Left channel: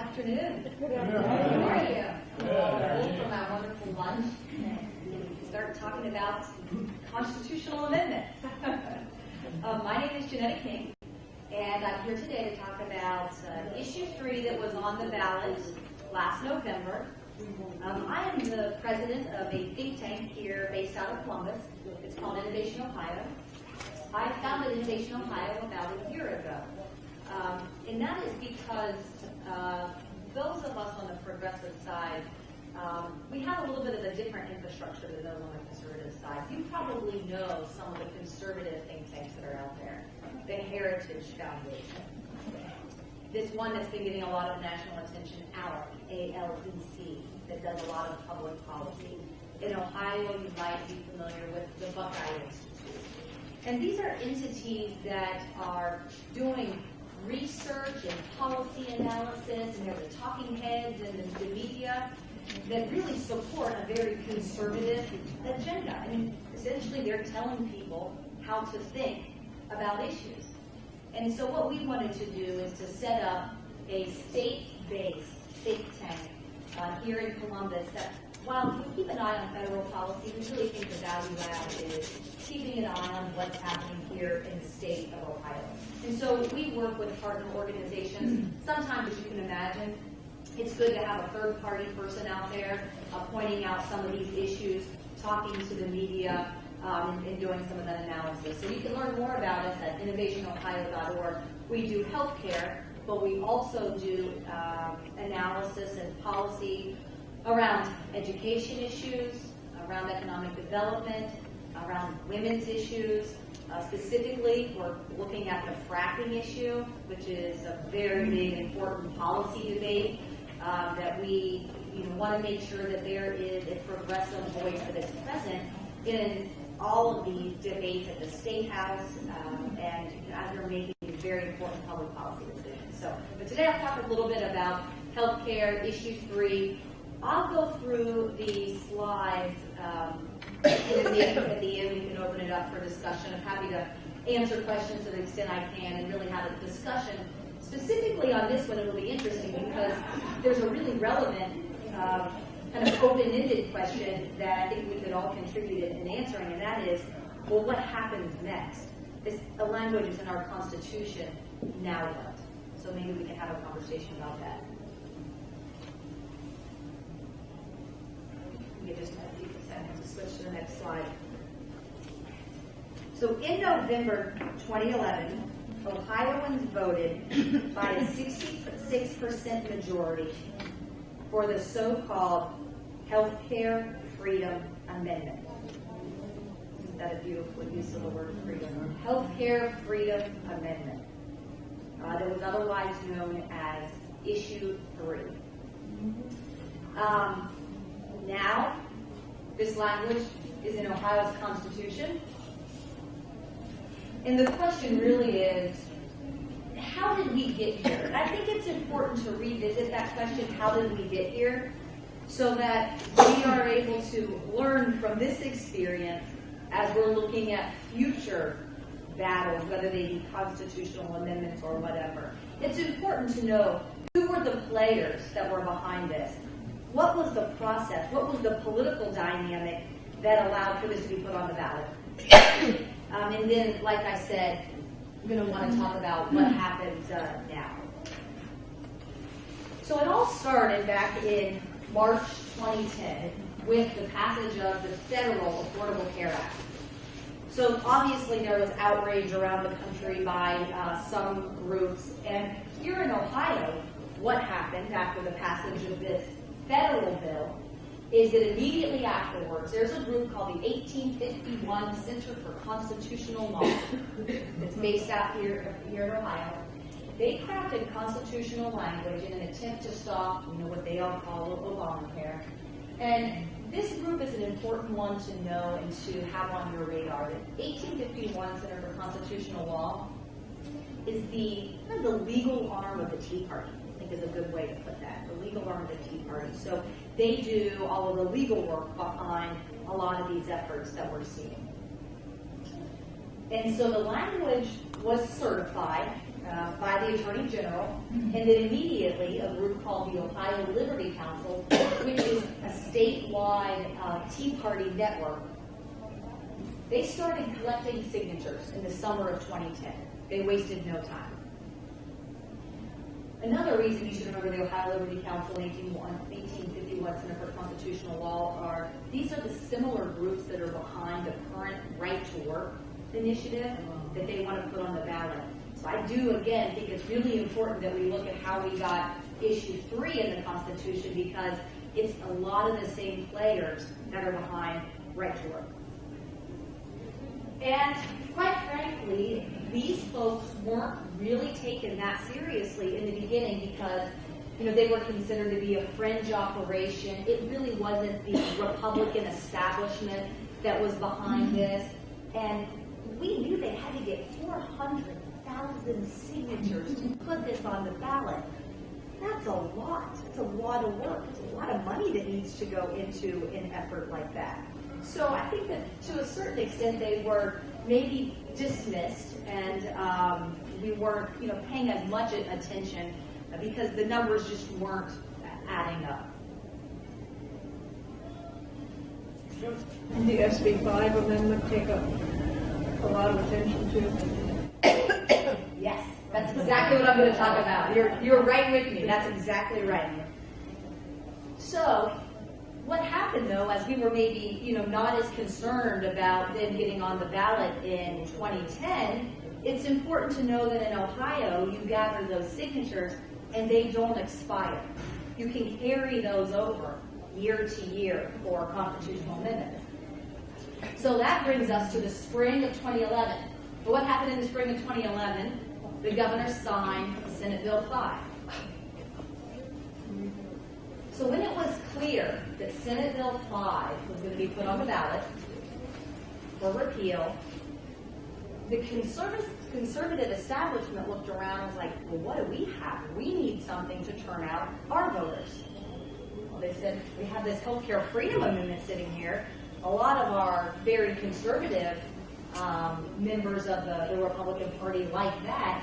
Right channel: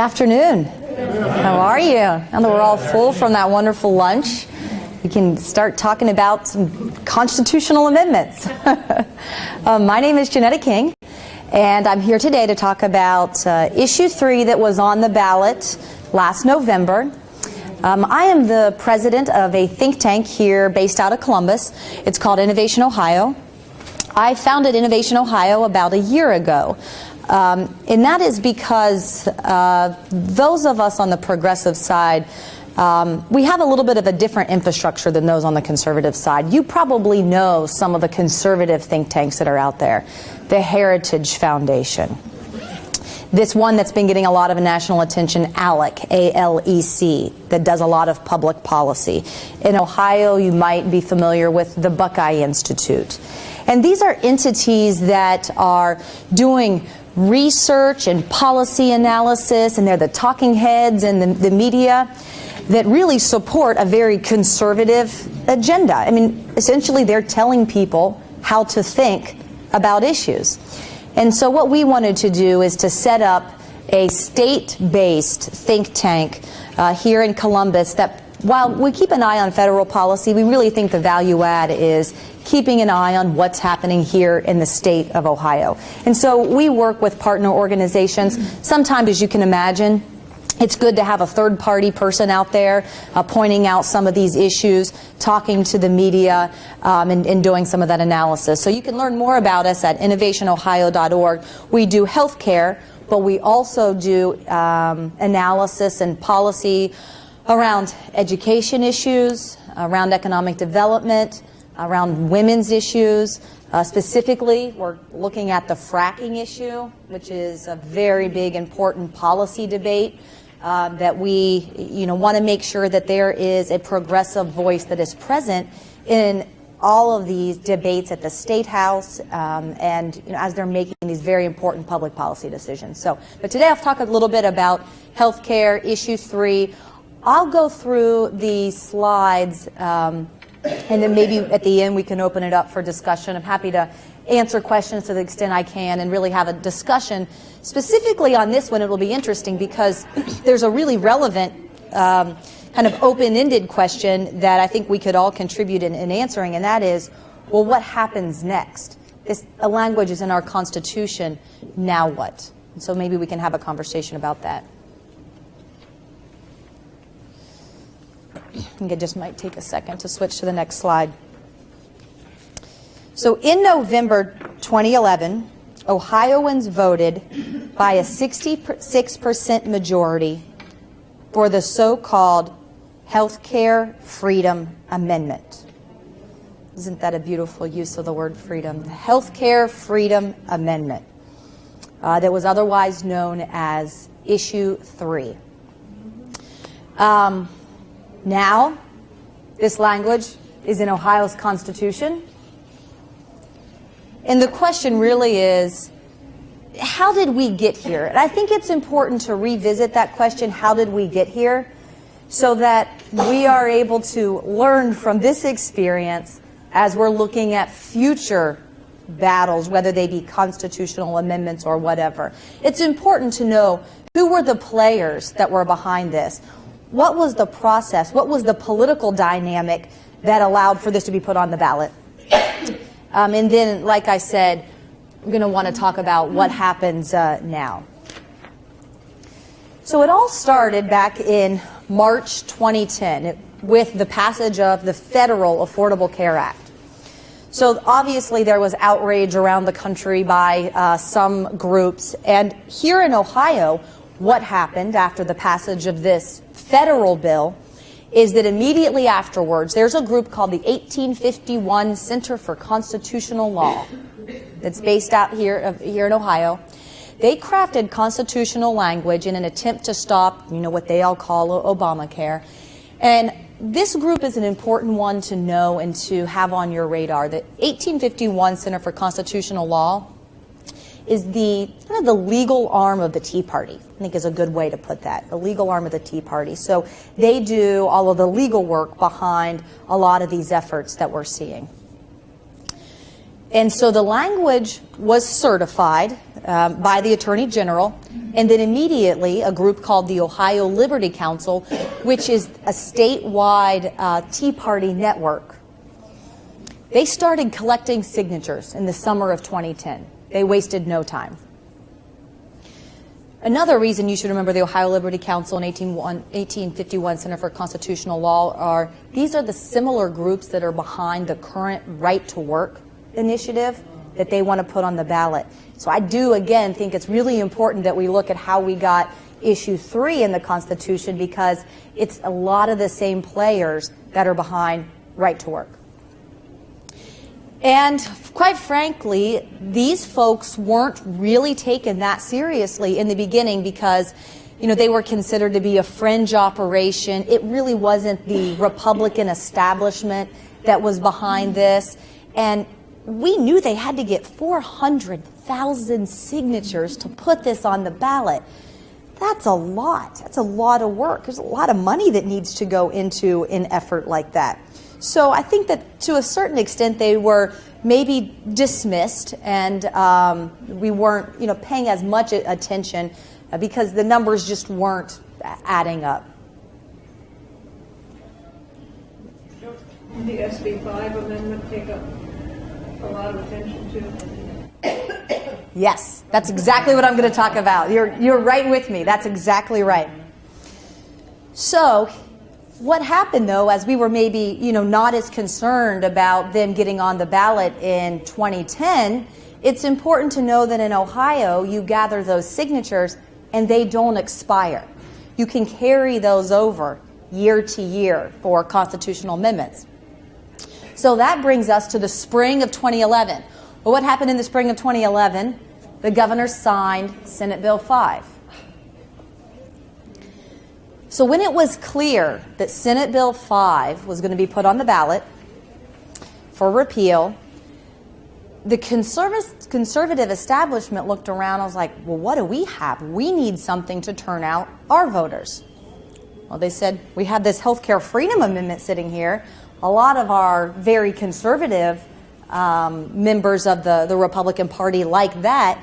afternoon. How are you? Now that we're all full from that wonderful lunch, we can start talking about some constitutional amendments. My name is Janetta King, and I'm here today to talk about Issue 3 that was on the ballot last November. I am the president of a think tank here based out of Columbus. It's called Innovation Ohio. I founded Innovation Ohio about a year ago. And that is because those of us on the progressive side, we have a little bit of a different infrastructure than those on the conservative side. You probably know some of the conservative think tanks that are out there. The Heritage Foundation. This one that's been getting a lot of national attention, ALEC, A-L-E-C, that does a lot of public policy. In Ohio, you might be familiar with the Buckeye Institute. And these are entities that are doing research and policy analysis, and they're the talking heads in the media that really support a very conservative agenda. I mean, essentially they're telling people how to think about issues. And so what we wanted to do is to set up a state-based think tank here in Columbus that, while we keep an eye on federal policy, we really think the value add is keeping an eye on what's happening here in the state of Ohio. And so we work with partner organizations. Sometimes, as you can imagine, it's good to have a third-party person out there pointing out some of these issues, talking to the media, and doing some of that analysis. So you can learn more about us at innovationohio.org. We do health care, but we also do analysis and policy around education issues, around economic development, around women's issues. Specifically, we're looking at the fracking issue, which is a very big, important policy debate that we want to make sure that there is a progressive voice that is present in all of these debates at the State House and as they're making these very important public policy decisions. But today I'll talk a little bit about health care, Issue 3. I'll go through these slides and then maybe at the end we can open it up for discussion. I'm happy to answer questions to the extent I can and really have a discussion. Specifically on this one, it will be interesting because there's a really relevant kind of open-ended question that I think we could all contribute in answering, and that is, well, what happens next? The language is in our Constitution, now what? So maybe we can have a conversation about that. I think it just might take a second to switch to the next slide. So in November 2011, Ohioans voted by a 66% majority for the so-called Healthcare Freedom Amendment. Isn't that a beautiful use of the word freedom? The Healthcare Freedom Amendment that was otherwise known as Issue 3. Now, this language is in Ohio's Constitution. And the question really is, how did we get here? And I think it's important to revisit that question, how did we get here, so that we are able to learn from this experience as we're looking at future battles, whether they be constitutional amendments or whatever. It's important to know who were the players that were behind this. What was the process? What was the political dynamic that allowed for this to be put on the ballot? And then, like I said, we're going to want to talk about what happens now. So it all started back in March 2010 with the passage of the Federal Affordable Care Act. So obviously there was outrage around the country by some groups. And here in Ohio, what happened after the passage of this federal bill is that immediately afterwards, there's a group called the 1851 Center for Constitutional Law that's based out here in Ohio. They crafted constitutional language in an attempt to stop, what they all call Obamacare. And this group is an important one to know and to have on your radar. The 1851 Center for Constitutional Law is the legal arm of the Tea Party. I think is a good way to put that, the legal arm of the Tea Party. So they do all of the legal work behind a lot of these efforts that we're seeing. And so the language was certified by the Attorney General, and then immediately a group called the Ohio Liberty Council, which is a statewide Tea Party network. They started collecting signatures in the summer of 2010. They wasted no time. Another reason you should remember the Ohio Liberty Council and 1851 Center for Constitutional Law are these are the similar groups that are behind the current Right to Work initiative that they want to put on the ballot. So I do, again, think it's really important that we look at how we got issue 3 in the Constitution, because it's a lot of the same players that are behind Right to Work. And quite frankly, these folks weren't really taken that seriously in the beginning because, they were considered to be a fringe operation. It really wasn't the Republican establishment that was behind this. And we knew they had to get 400,000 signatures to put this on the ballot. That's a lot. That's a lot of work. There's a lot of money that needs to go into an effort like that. So I think that to a certain extent they were maybe dismissed, and we weren't paying as much attention because the numbers just weren't adding up. The SB 5 amendment take up a lot of attention too. Yes, that's exactly what I'm going to talk about. You're right with me. That's exactly right. So what happened, though, as we were maybe, not as concerned about them getting on the ballot in 2010, it's important to know that in Ohio, you gather those signatures and they don't expire. You can carry those over year to year for constitutional amendments. So that brings us to the spring of 2011. Well, what happened in the spring of 2011? The governor signed Senate Bill 5. So when it was clear that Senate Bill 5 was going to be put on the ballot for repeal, the conservative establishment looked around and was like, well, what do we have? We need something to turn out our voters. Well, they said, we have this healthcare freedom amendment sitting here. A lot of our very conservative members of the Republican Party like that.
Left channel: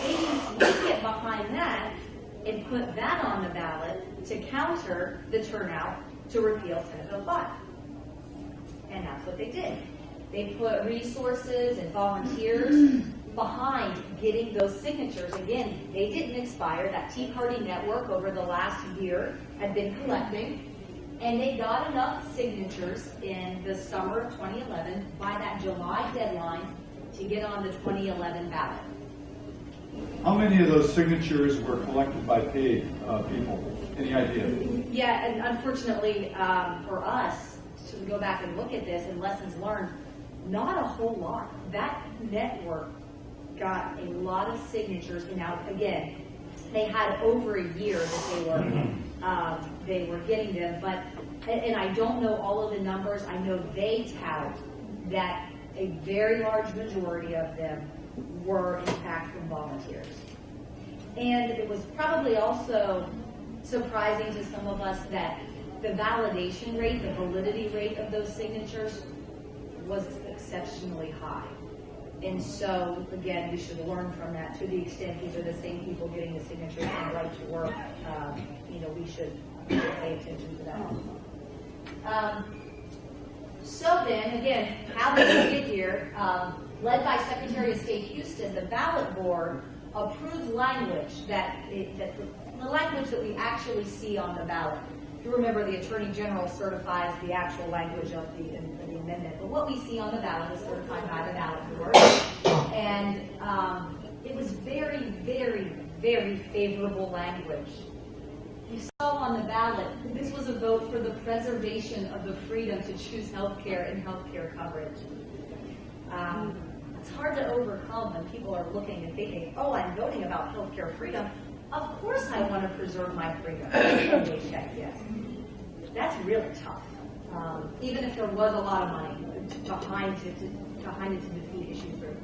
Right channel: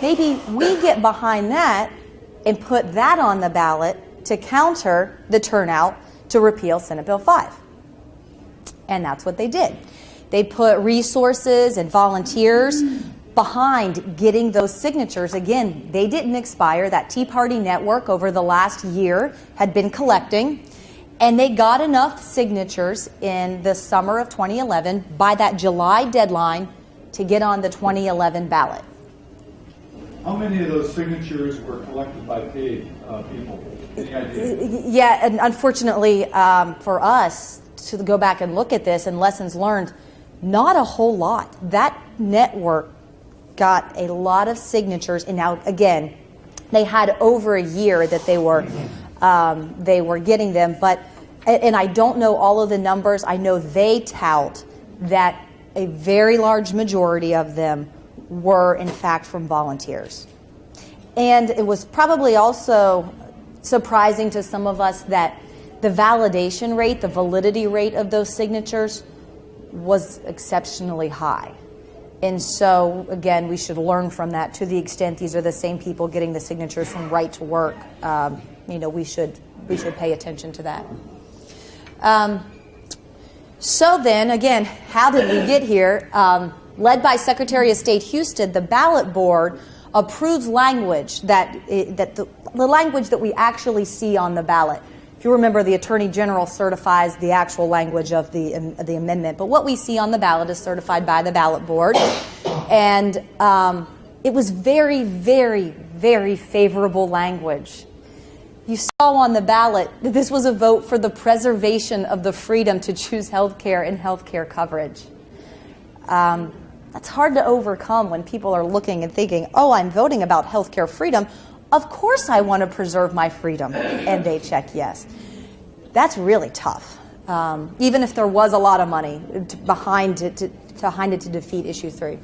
Maybe we get behind that and put that on the ballot to counter the turnout to repeal Senate Bill 5. And that's what they did. They put resources and volunteers behind getting those signatures. Again, they didn't expire. That Tea Party network over the last year had been collecting, and they got enough signatures in the summer of 2011 by that July deadline to get on the 2011 ballot. How many of those signatures were collected by paid people? Any idea? Yeah, and unfortunately for us to go back and look at this and lessons learned, not a whole lot. That network got a lot of signatures, and now again, they had over a year that they were getting them. But and I don't know all of the numbers. I know they tout that a very large majority of them were in fact from volunteers. And it was probably also surprising to some of us that the validation rate, the validity rate of those signatures was exceptionally high. And so, again, we should learn from that to the extent these are the same people getting the signatures from Right to Work. We should pay attention to that. So then, again, how did we get here? Led by Secretary of State Houston, the ballot board approves language the language that we actually see on the ballot. If you remember, the Attorney General certifies the actual language of the amendment, but what we see on the ballot is certified by the ballot board, and it was very, very, very favorable language. You saw on the ballot that this was a vote for the preservation of the freedom to choose health care and health care coverage. That's hard to overcome when people are looking and thinking, oh, I'm voting about health care freedom. Of course I want to preserve my freedom. And they check yes. That's really tough. Even if there was a lot of money behind it to defeat issue 3.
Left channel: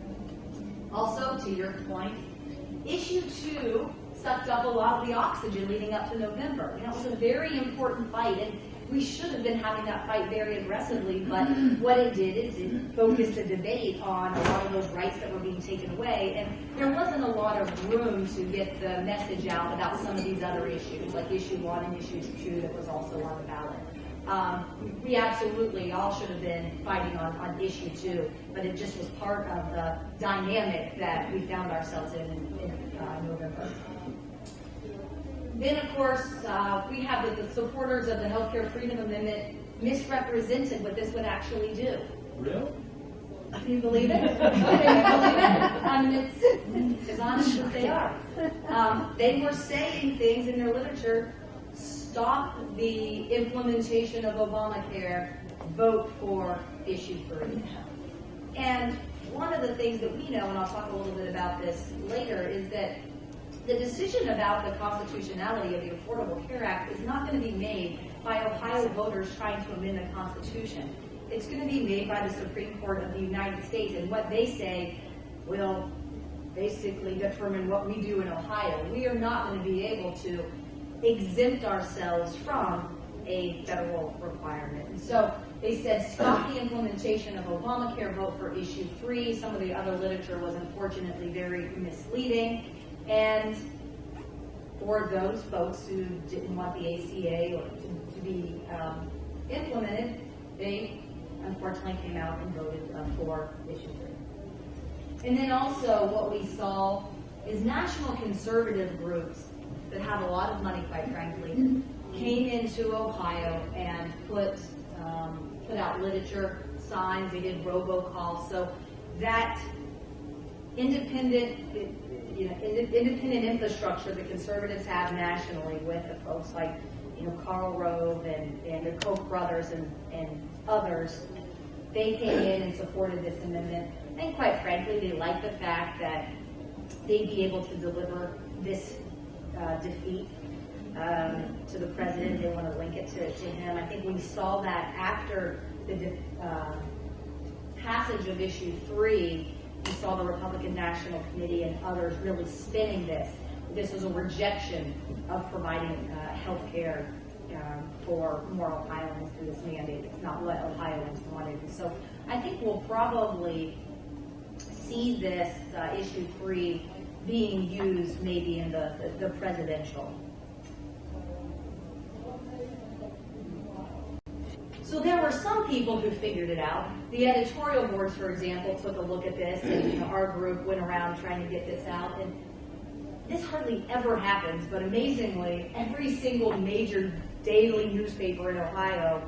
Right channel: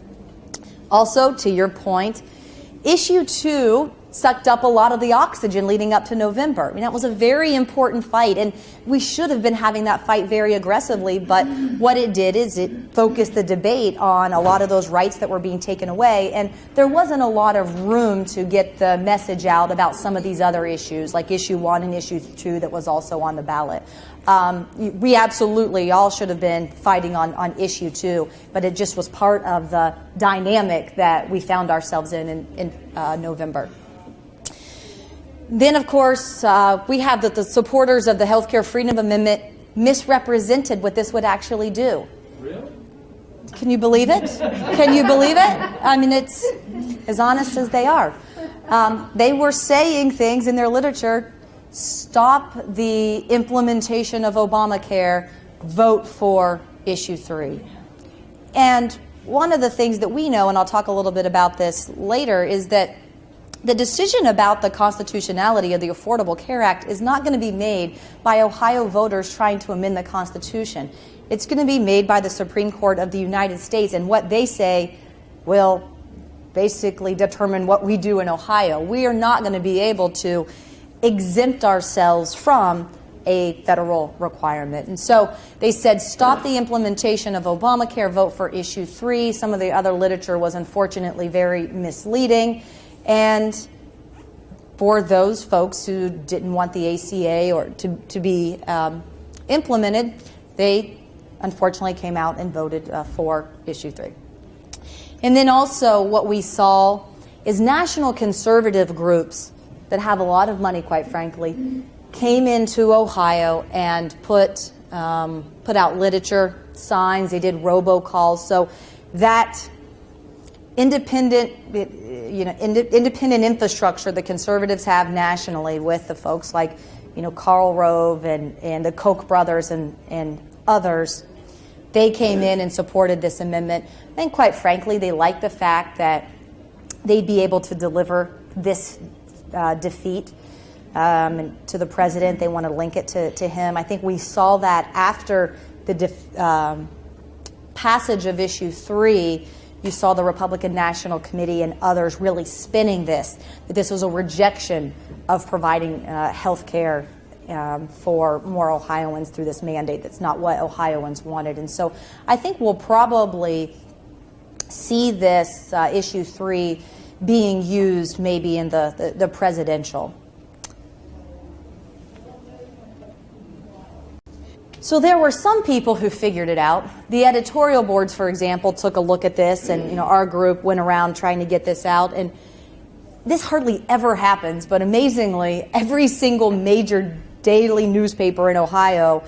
Also, to your point, issue 2 sucked up a lot of the oxygen leading up to November. I mean, that was a very important fight, and we should have been having that fight very aggressively, but what it did is it focused the debate on a lot of those rights that were being taken away, and there wasn't a lot of room to get the message out about some of these other issues, like issue 1 and issue 2 that was also on the ballot. We absolutely all should have been fighting on issue 2, but it just was part of the dynamic that we found ourselves in November. Then, of course, we have the supporters of the Healthcare Freedom Amendment misrepresented what this would actually do. Really? Can you believe it? Can you believe it? I mean, it's as honest as they are. They were saying things in their literature: stop the implementation of Obamacare, vote for issue 3. And one of the things that we know, and I'll talk a little bit about this later, is that the decision about the constitutionality of the Affordable Care Act is not going to be made by Ohio voters trying to amend the Constitution. It's going to be made by the Supreme Court of the United States, and what they say will basically determine what we do in Ohio. We are not going to be able to exempt ourselves from a federal requirement. And so they said, stop the implementation of Obamacare, vote for issue 3. Some of the other literature was unfortunately very misleading. And for those folks who didn't want the ACA or to be implemented, they unfortunately came out and voted for issue 3. And then also what we saw is national conservative groups that have a lot of money, quite frankly, came into Ohio and put out literature, signs. They did robocalls. So that independent infrastructure the conservatives have nationally, with the folks like, Karl Rove and the Koch brothers and others, they came in and supported this amendment. And quite frankly, they liked the fact that they'd be able to deliver this defeat to the president. They want to link it to him. I think we saw that after the passage of issue 3. You saw the Republican National Committee and others really spinning this, that this was a rejection of providing health care for more Ohioans through this mandate. That's not what Ohioans wanted. And so I think we'll probably see this issue 3 being used maybe in the presidential. So there were some people who figured it out. The editorial boards, for example, took a look at this, and our group went around trying to get this out. And this hardly ever happens, but amazingly, every single major daily newspaper in Ohio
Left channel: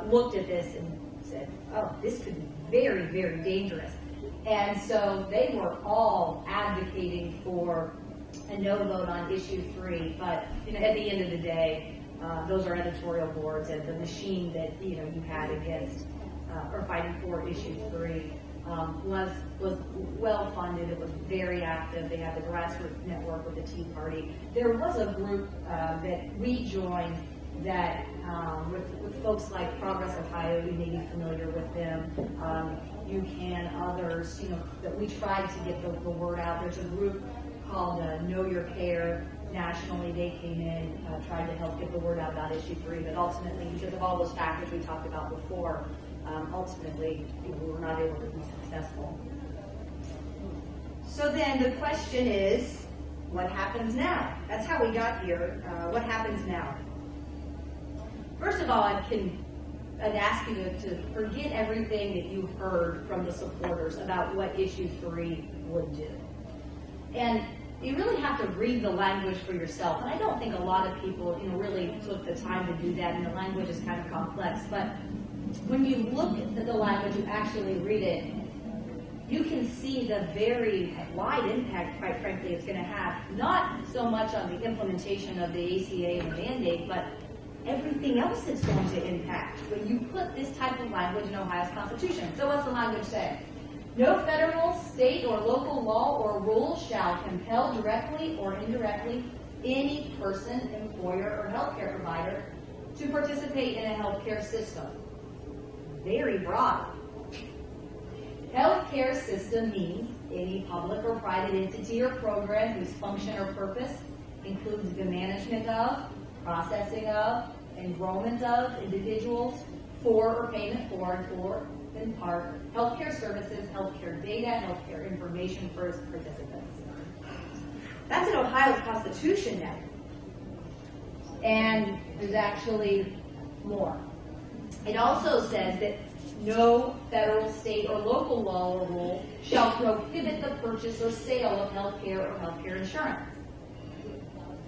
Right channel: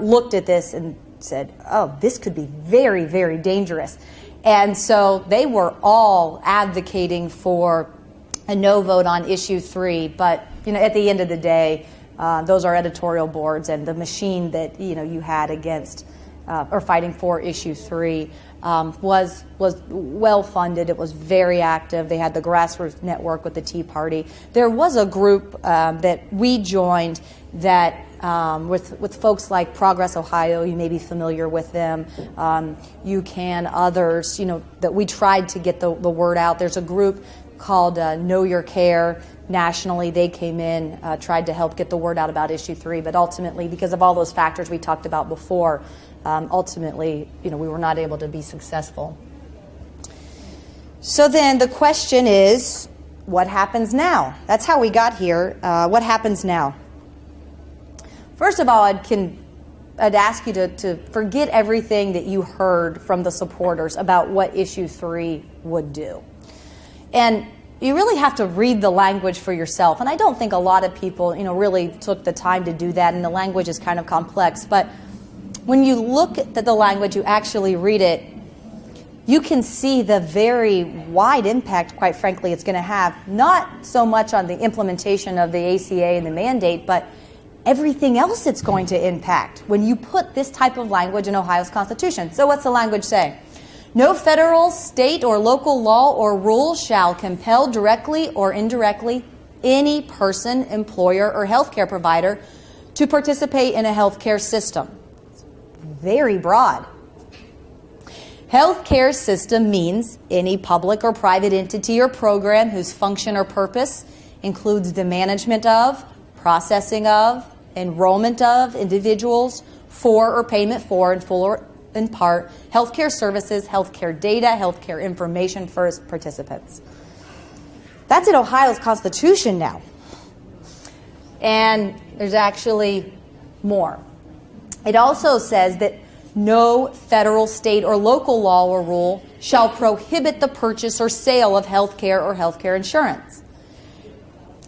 looked at this and said, "Oh, this could be very, very dangerous." And so they were all advocating for a no vote on issue 3. But at the end of the day, those are editorial boards, and the machine that you had against or fighting for issue 3 was well funded. It was very active. They had the grassroots network with the Tea Party. There was a group that we joined that with folks like Progress Ohio. You may be familiar with them. You can others. That we tried to get the word out. There's a group called Know Your Care. Nationally, they came in, tried to help get the word out about issue 3, but ultimately, because of all those factors we talked about before, ultimately, we were not able to be successful. So then the question is, what happens now? That's how we got here. What happens now? First of all, I'd ask you to forget everything that you heard from the supporters about what issue 3 would do. And you really have to read the language for yourself. And I don't think a lot of people, really took the time to do that, and the language is kind of complex. But when you look at the language, you actually read it, you can see the very wide impact, quite frankly, it's going to have, not so much on the implementation of the ACA and the mandate, but everything else it's going to impact when you put this type of language in Ohio's Constitution. So what's the language say? No federal, state, or local law or rule shall compel directly or indirectly any person, employer, or healthcare provider to participate in a healthcare system. Very broad. Healthcare system means any public or private entity or program whose function or purpose includes the management of, processing of, enrollment of individuals for or payment for, in full or in part, healthcare services, healthcare data, healthcare information for its participants. That's in Ohio's Constitution now. And there's actually more. It also says that no federal, state, or local law or rule shall prohibit the purchase or sale of healthcare or healthcare insurance.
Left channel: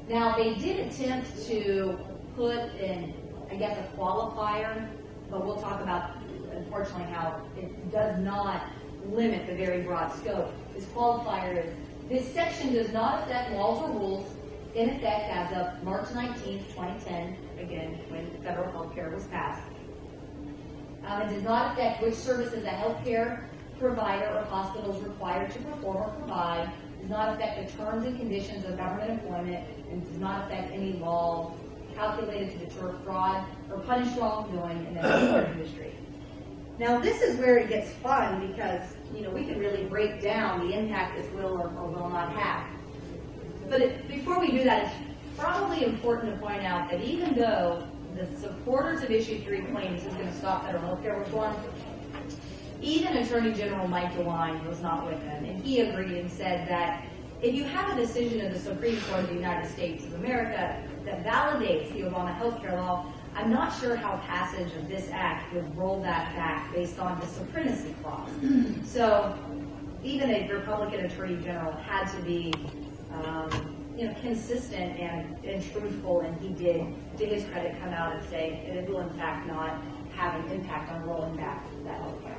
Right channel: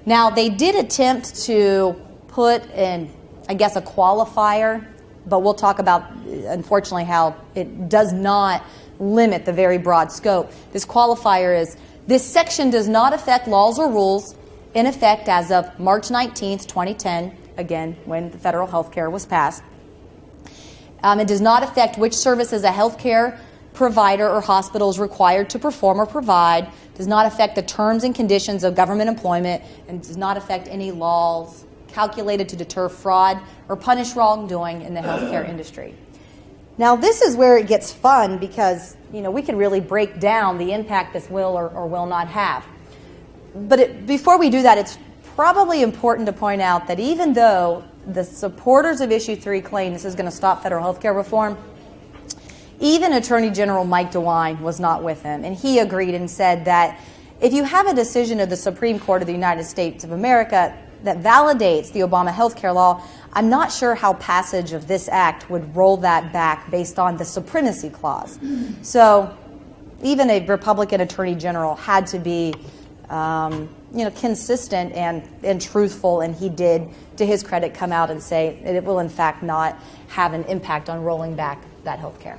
Now, they did attempt to put in, I guess, a qualifier, but we'll talk about, unfortunately, how it does not limit the very broad scope. This qualifier is, this section does not affect laws or rules in effect as of March 19th, 2010, again, when the federal health care was passed. It does not affect which services a healthcare provider or hospital is required to perform or provide, does not affect the terms and conditions of government employment, and does not affect any laws calculated to deter fraud or punish wrongdoing in the healthcare industry. Now, this is where it gets fun because, we can really break down the impact this will or will not have. But before we do that, it's probably important to point out that even though the supporters of Issue 3 claim this is going to stop federal health care reform, even Attorney General Mike DeWine was not with him, and he agreed and said that if you have a decision of the Supreme Court of the United States of America that validates the Obama health care law, I'm not sure how passage of this act would roll that back based on the supremacy clause. So even a Republican Attorney General had to be consistent and truthful, and he did, to his credit, come out and say that it will in fact not have an impact on rolling back that health care.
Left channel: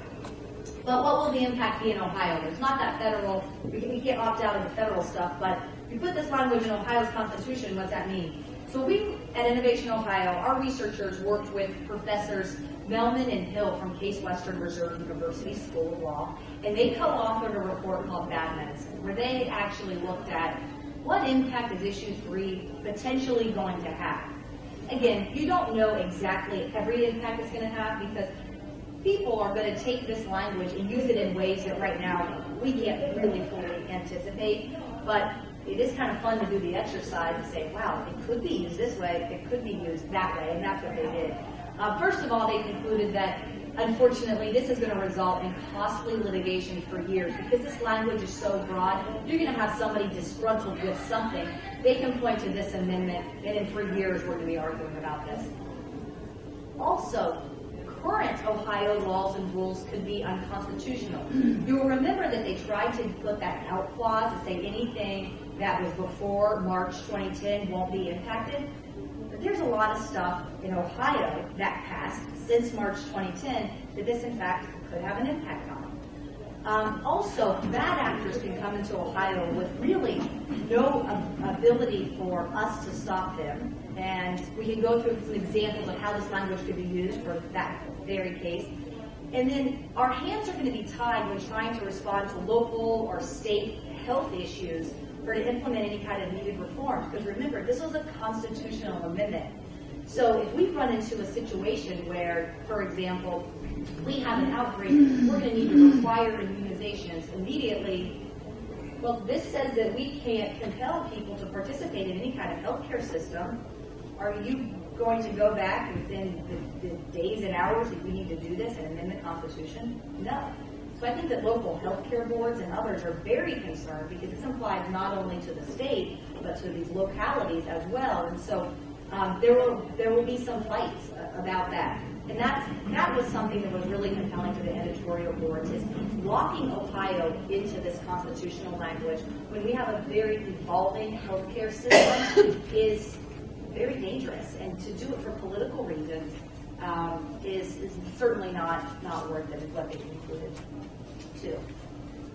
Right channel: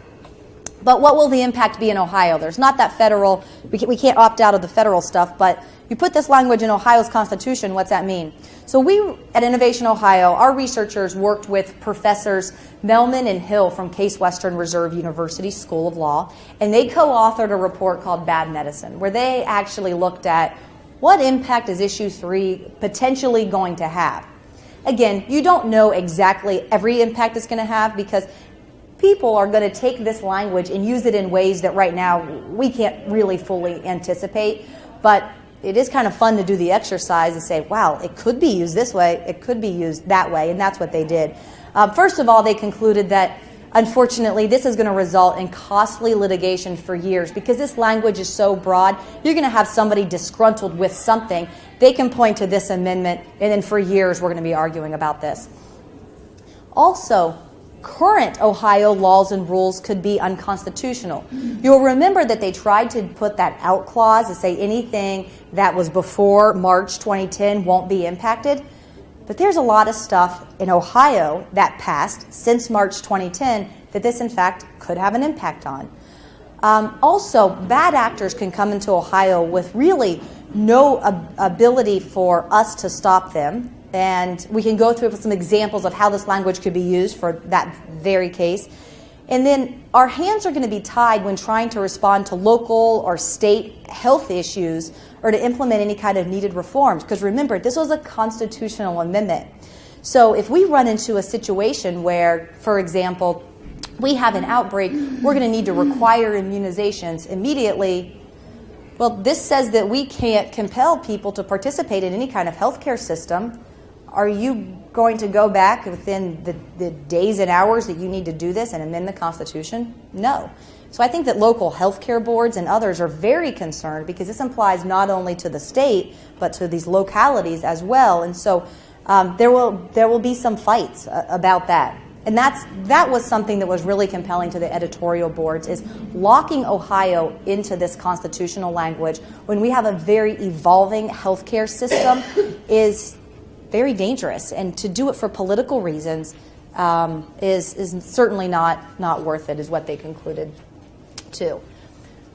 But what will the impact be in Ohio? There's not that federal, we can't opt out of the federal stuff, but you put this language in Ohio's Constitution, what's that mean? So we at Innovation Ohio, our researchers worked with Professors Melman and Hill from Case Western Reserve University School of Law, and they co-authored a report called Bad Medicine, where they actually looked at what impact is Issue 3 potentially going to have. Again, you don't know exactly every impact it's going to have because people are going to take this language and use it in ways that right now we can't really fully anticipate, but it is kind of fun to do the exercise and say, wow, it could be used this way, it could be used that way, and that's what they did. First of all, they concluded that unfortunately, this is going to result in costly litigation for years because this language is so broad. You're going to have somebody disgruntled with something. They can point to this amendment, and then for years we're going to be arguing about this. Also, current Ohio laws and rules could be unconstitutional. You'll remember that they tried to put that out clause to say anything that was before March 2010 won't be impacted. But there's a lot of stuff in Ohio that passed since March 2010 that this, in fact, could have an impact on. Also, bad actors can come into Ohio with really no ability for us to stop them. And we can go through some examples of how this language could be used for that very case. And then our hands are going to be tied when trying to respond to local or state health issues or to implement any kind of needed reforms. Because remember, this was a constitutional amendment. So if we run into a situation where, for example, we have an outbreak, we're going to need to require immunizations immediately. Well, this says that we can't compel people to participate in any kind of healthcare system. Are you going to go back within the days and hours that you need to do this and amend the Constitution? No. So I think that local healthcare boards and others are very concerned because this applies not only to the state but to these localities as well. And so there will be some fights about that. And that was something that was really compelling to the editorial boards, is locking Ohio into this constitutional language when we have a very evolving healthcare system is very dangerous. And to do it for political reasons is certainly not worth it, is what they concluded too.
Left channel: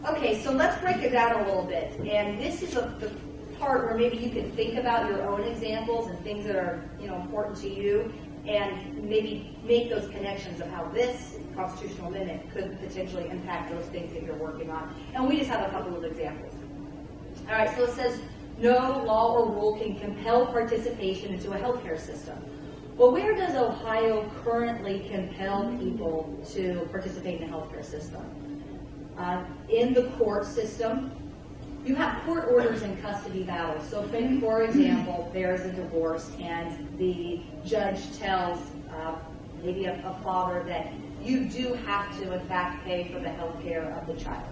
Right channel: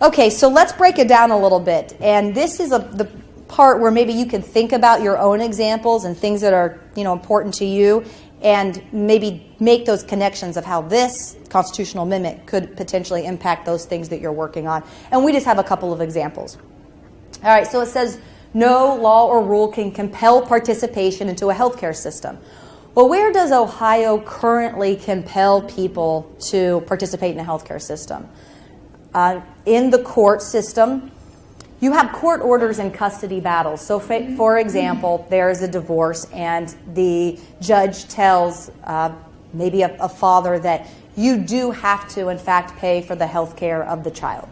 Okay, so let's break it down a little bit. And this is the part where maybe you can think about your own examples and things that are important to you, and maybe make those connections of how this constitutional amendment could potentially impact those things that you're working on. And we just have a couple of examples. All right, so it says no law or rule can compel participation into a healthcare system. Well, where does Ohio currently compel people to participate in a healthcare system? In the court system, You have court orders and custody battles. So for example, there is a divorce and the judge tells maybe a father that you do have to, in fact, pay for the health care of the child.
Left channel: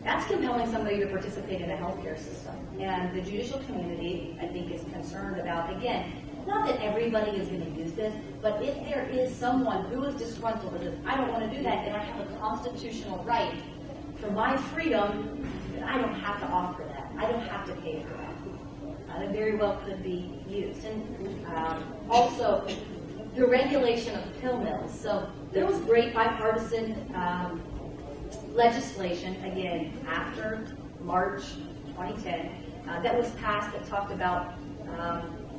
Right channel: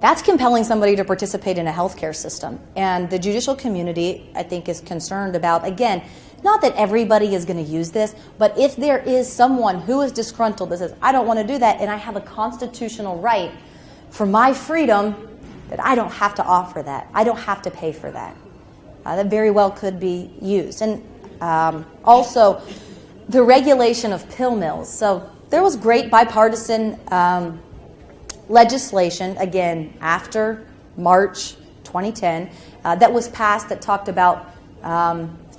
That's compelling somebody to participate in a healthcare system. And the judicial community, I think, is concerned about, again, not that everybody is going to use this, but if there is someone who is disgruntled that says, I don't want to do that, and I have a constitutional right for my freedom, that I don't have to offer that. I don't have to pay for that. That very well could be used. And also, the regulation of pill mills. So there was great bipartisan legislation, again, after March 2010, that was passed that talked about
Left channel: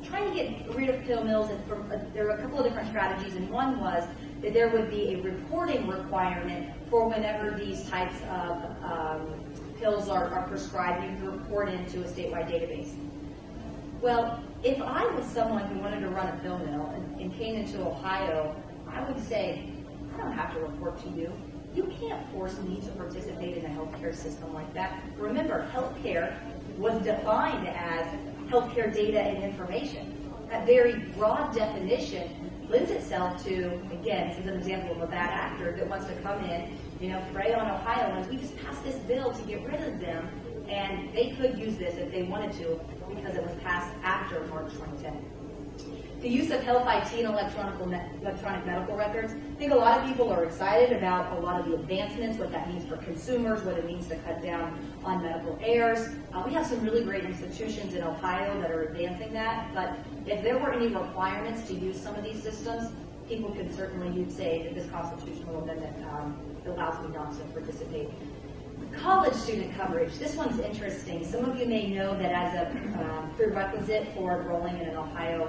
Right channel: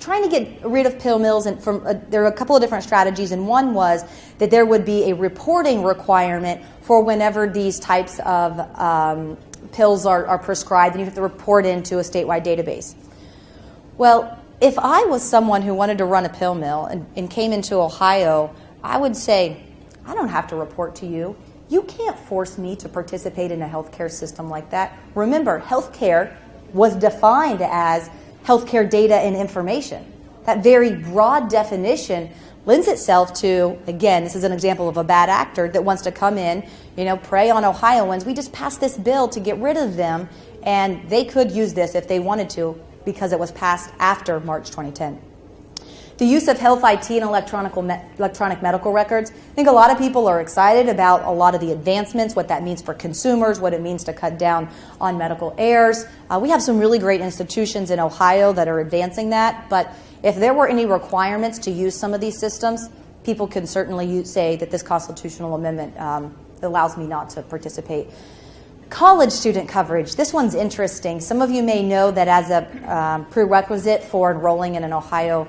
trying to get rid of pill mills. And there are a couple of different strategies, and one was that there would be a reporting requirement for whenever these types of pills are prescribed, and you have to report into a statewide database. Well, if I was someone who wanted to run a pill mill and came into Ohio, I would say, I don't have to report to you. You can't force me to participate in a healthcare system like that. Remember, healthcare was defined as healthcare data and information. That very broad definition lends itself to, again, this is an example of a bad actor that wants to come in, prey on Ohioans. We just passed this bill to get rid of them, and they could use this if they wanted to because it was passed after March 2010. The use of health IT and electronic medical records. I think a lot of people are excited about a lot of the advancements, what that means for consumers, what it means to cut down on medical errors. We have some really great institutions in Ohio that are advancing that, but if there were any requirements to use some of these systems, people can certainly say that this constitutional amendment allows me not to participate. College student coverage. This one's interesting. Some of you may know that as a prerequisite for enrolling in an Ohio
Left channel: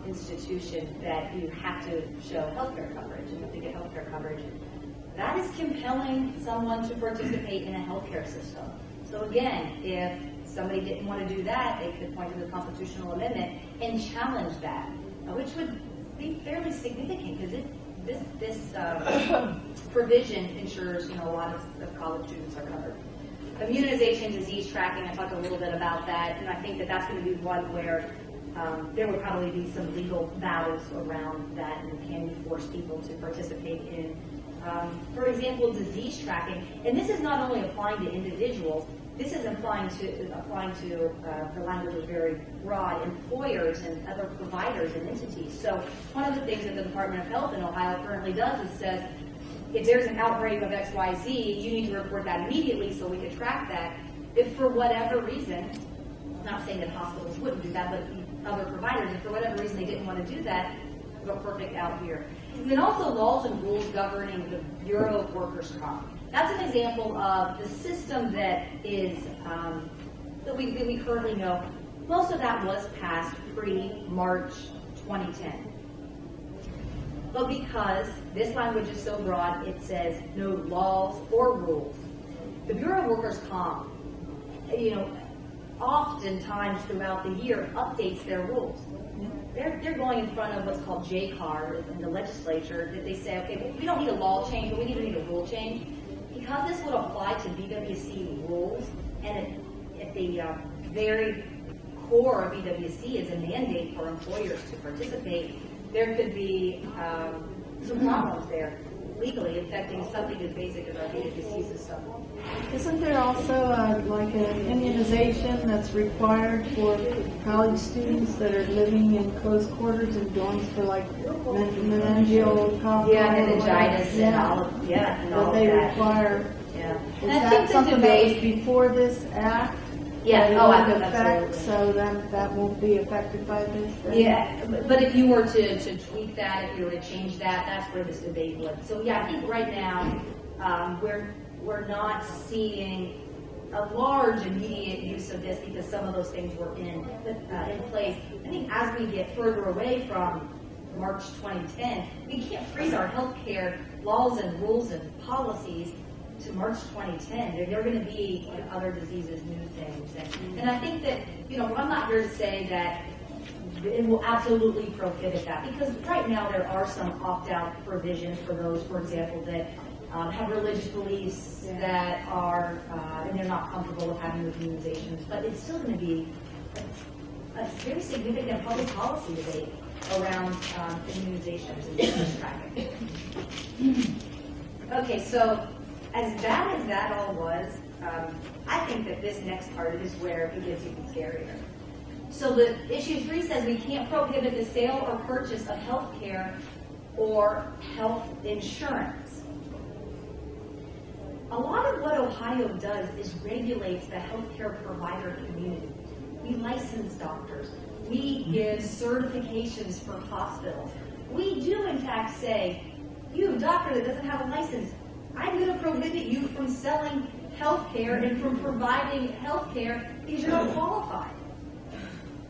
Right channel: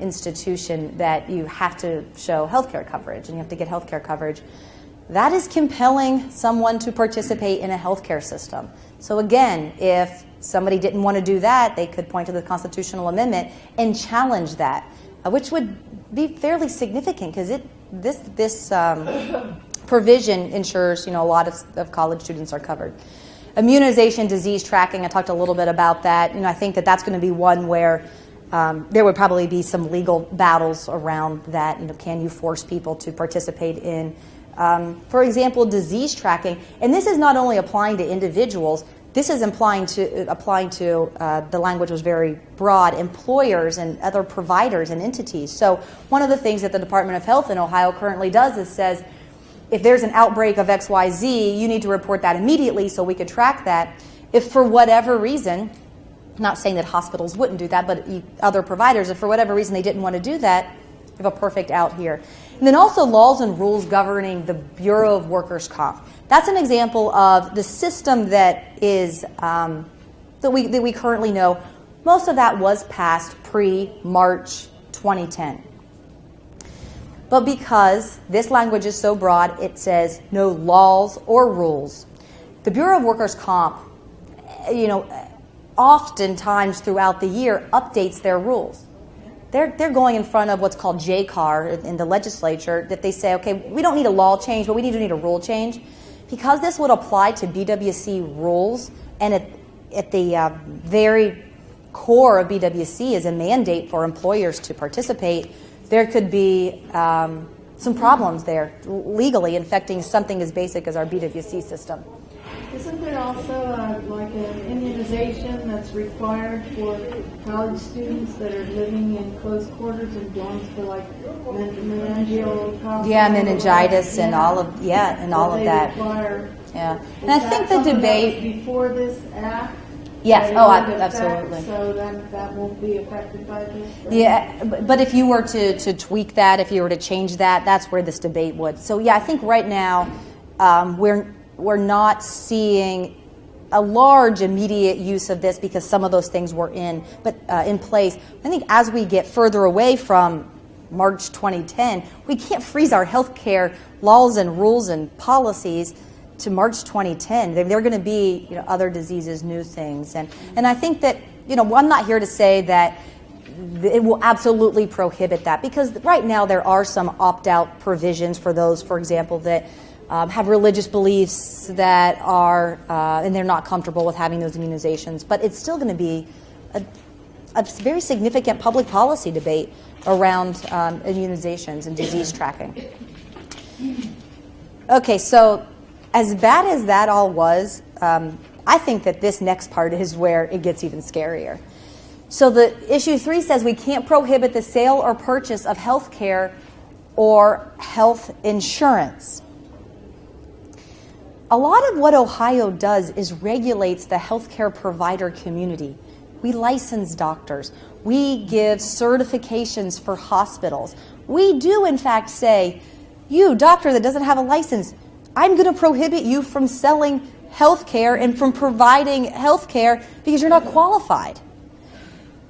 institution that you have to show healthcare coverage and you have to get healthcare coverage. That is compelling someone to participate in a healthcare system. So again, if somebody didn't want to do that, they could point to the constitutional amendment and challenge that, which would be fairly significant because this provision ensures a lot of college students are covered. Immunization, disease tracking, I talked a little bit about that. I think that that's going to be one where there would probably be some legal battles around that. Can you force people to participate in, for example, disease tracking? And this is not only applying to individuals. This is applying to the language was very broad, employers and other providers and entities. So one of the things that the Department of Health in Ohio currently does is says, if there's an outbreak of XYZ, you need to report that immediately so we could track that. If for whatever reason, not saying that hospitals wouldn't do that, but other providers, if for whatever reason they didn't want to do that, we have a perfect out here. And then also laws and rules governing the Bureau of Workers' Comp. That's an example of the system that is that we currently know. Most of that was passed pre-March 2010. But because this language is so broad, it says no laws or rules. The Bureau of Workers' Comp, oftentimes throughout the year updates their rules. They're going in front of what's called JCAR in the legislature that they say, okay, we don't need a law change, but we need a rule change. Because this would apply to BWC rules, and at the very core of BWC is a mandate for employers to participate, there could be some problems there legally affecting something as basic as our BWC system. Isn't there also like an immunization that's required for college students that are living in close quarters and dorms for like meningococcal? Yeah, meningitis and all of that. Require. Yeah, and I think the debate before this act. Yes. Oh, absolutely. So that won't be affected by this. Then? Yeah, but if you were to tweak that, if you were to change that, that's where this debate would. So yeah, I think right now we're not seeing a large immediate use of this because some of those things were in place. I think as we get further away from March 2010, we can't freeze our healthcare laws and rules and policies to March 2010. They're going to be other diseases, new things, and I think that I'm not here to say that it will absolutely prohibit that because right now there are some opt-out provisions for those, for example, that have religious beliefs that are, and they're not comfortable with having those immunizations. But it's still going to be a very significant public policy debate around immunizations and disease tracking. Okay, so as bad as that all was, I think that this next part is where it gets even scarier. So the issue 3 says we can't prohibit the sale or purchase of health care or health insurance. A lot of what Ohio does is regulates the healthcare provider community. We license doctors. We give certifications for hospitals. We do, in fact, say, you, doctor that doesn't have a license, I'm going to prohibit you from selling health care and from providing health care because you're not qualified.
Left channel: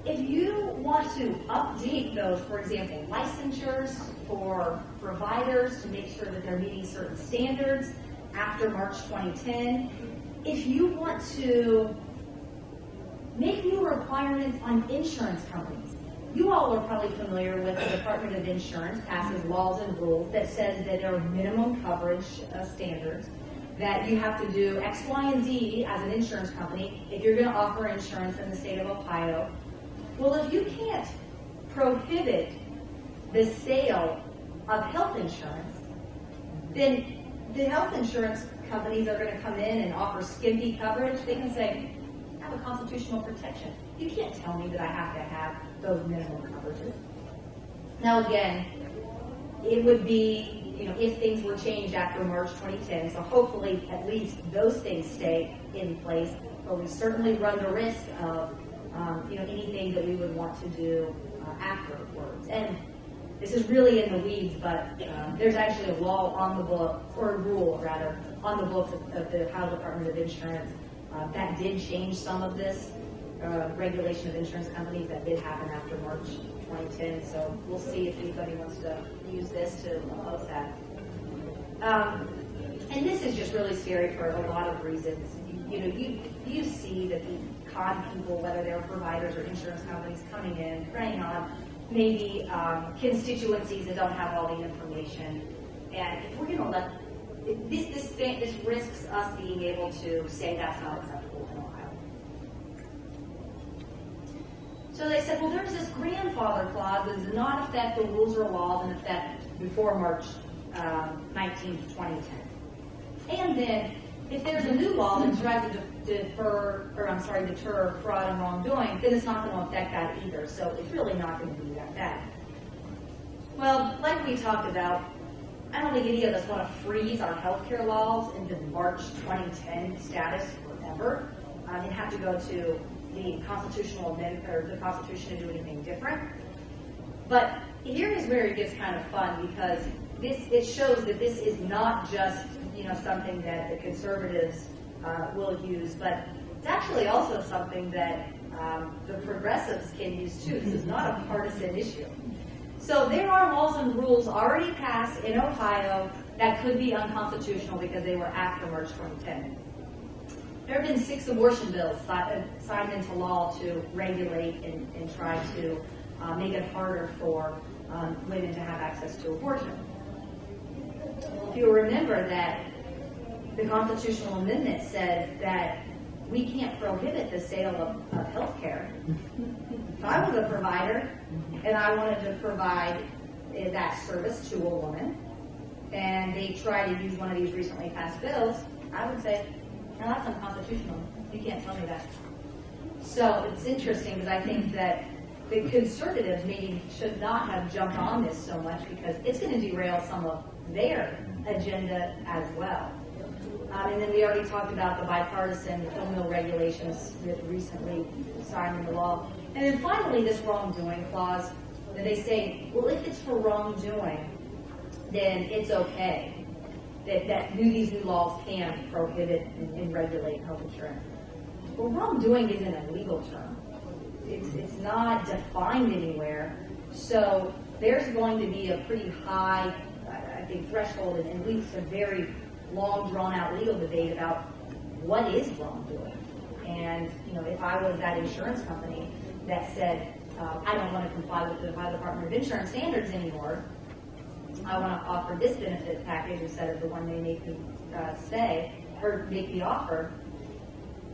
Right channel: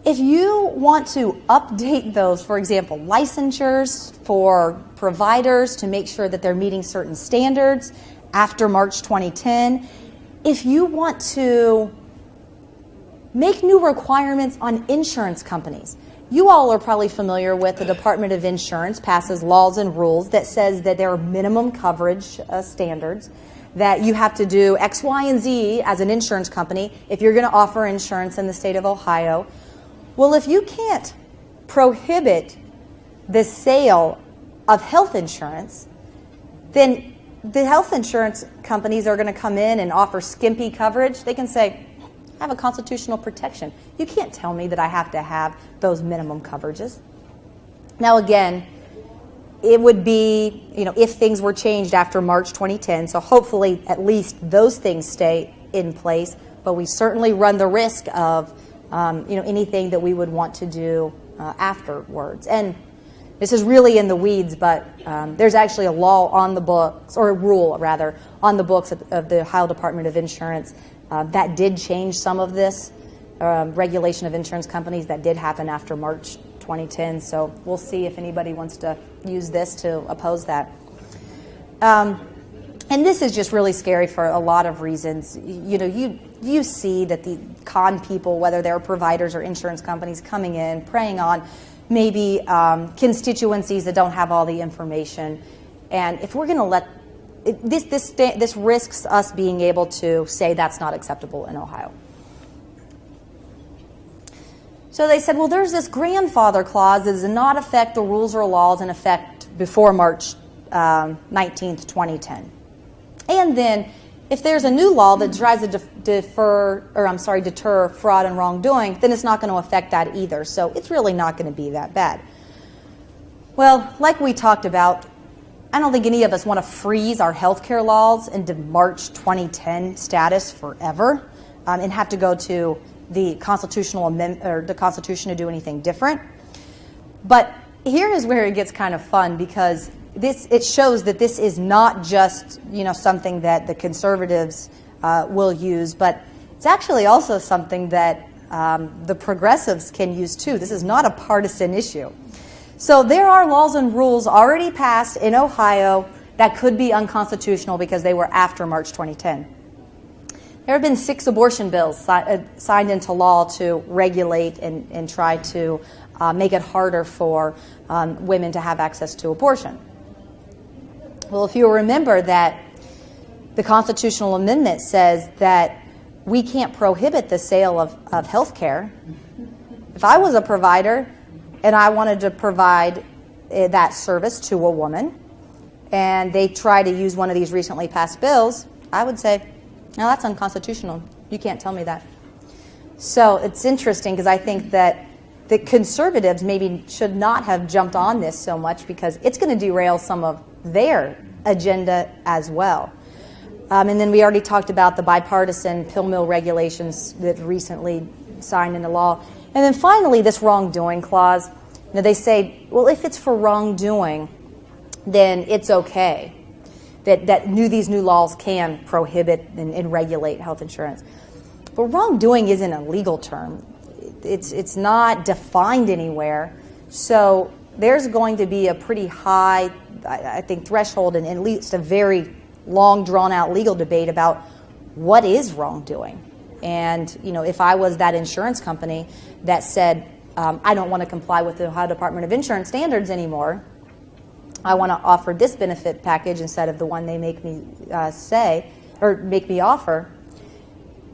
If you want to update those, for example, licensures for providers to make sure that they're meeting certain standards after March 2010, if you want to make new requirements on insurance companies. You all are probably familiar with the Department of Insurance passes laws and rules that says that there are minimum coverage standards, that you have to do X, Y, and Z as an insurance company if you're going to offer insurance in the state of Ohio. Well, if you can't prohibit the sale of health insurance, then the health insurance companies are going to come in and offer skimpy coverage. They can say, I have a constitutional protection. You can't tell me that I have to have those minimum coverages. Now again, it would be, if things were changed after March 2010, so hopefully at least those things stay in place, but we certainly run the risk of, anything that we would want to do afterwards. And this is really in the weeds, but there's actually a law on the books, or a rule rather, on the books of the Ohio Department of Insurance that did change some of this regulation of insurance companies. That did happen after March 2010, so we'll see if anybody wants to use this to oppose that. And this is just really scary for a lot of reasons. You see that the con people, whether they're providers or insurance companies, coming in, preying on maybe constituencies that don't have all the information. And if we're going to let this risks us being able to say that's not acceptable in Ohio. So they said, well, there's this grandfather clause that does not affect the rules or laws in effect before March 19th, 2010. And then if there's a new law that tries to deter fraud and wrongdoing, then it's not going to affect that either. So it's really not going to be that bad. Well, like we talked about, I don't think any of us want to freeze our healthcare laws into March 2010 status forever and have to go to the constitutional amendment or the Constitution to do anything different. But here is where it gets kind of fun, because it shows that this is not just something that the conservatives will use, but it's actually also something that the progressives can use too. This is not a partisan issue. So there are laws and rules already passed in Ohio that could be unconstitutional because they were after March 2010. There have been 6 abortion bills signed into law to regulate and try to make it harder for women to have access to abortion. Well, if you remember that the constitutional amendment says that we can't prohibit the sale of health care. If I was a provider and I wanted to provide that service to a woman, and they try to use one of these recently passed bills, I would say, no, that's unconstitutional. You can't tell me that. So it's interesting, because I think that the conservatives maybe should not have jumped on this so much, because it's going to derail some of their agenda as well. And then we already talked about the bipartisan pill mill regulations that recently signed into law. And then finally, this wrongdoing clause. They say, well, if it's for wrongdoing, then it's okay that these new laws can prohibit and regulate health insurance. But wrongdoing isn't a legal term. It's not defined anywhere. So there's going to be a pretty high, I think, threshold, and at least a very long, drawn-out legal debate about what is wrongdoing. And if I was that insurance company that said, I don't want to comply with the Ohio Department of Insurance standards anymore, I want to offer this benefit package instead of the one they make me say or make me offer,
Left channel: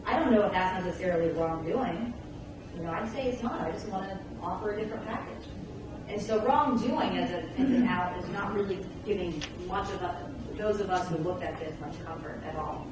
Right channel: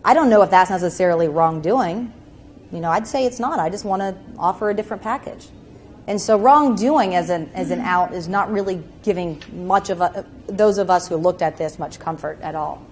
I don't know if that's necessarily wrongdoing. I'd say it's not. I just want to offer a different package. And so wrongdoing as an out is not really giving much of those of us who looked at this much comfort at all.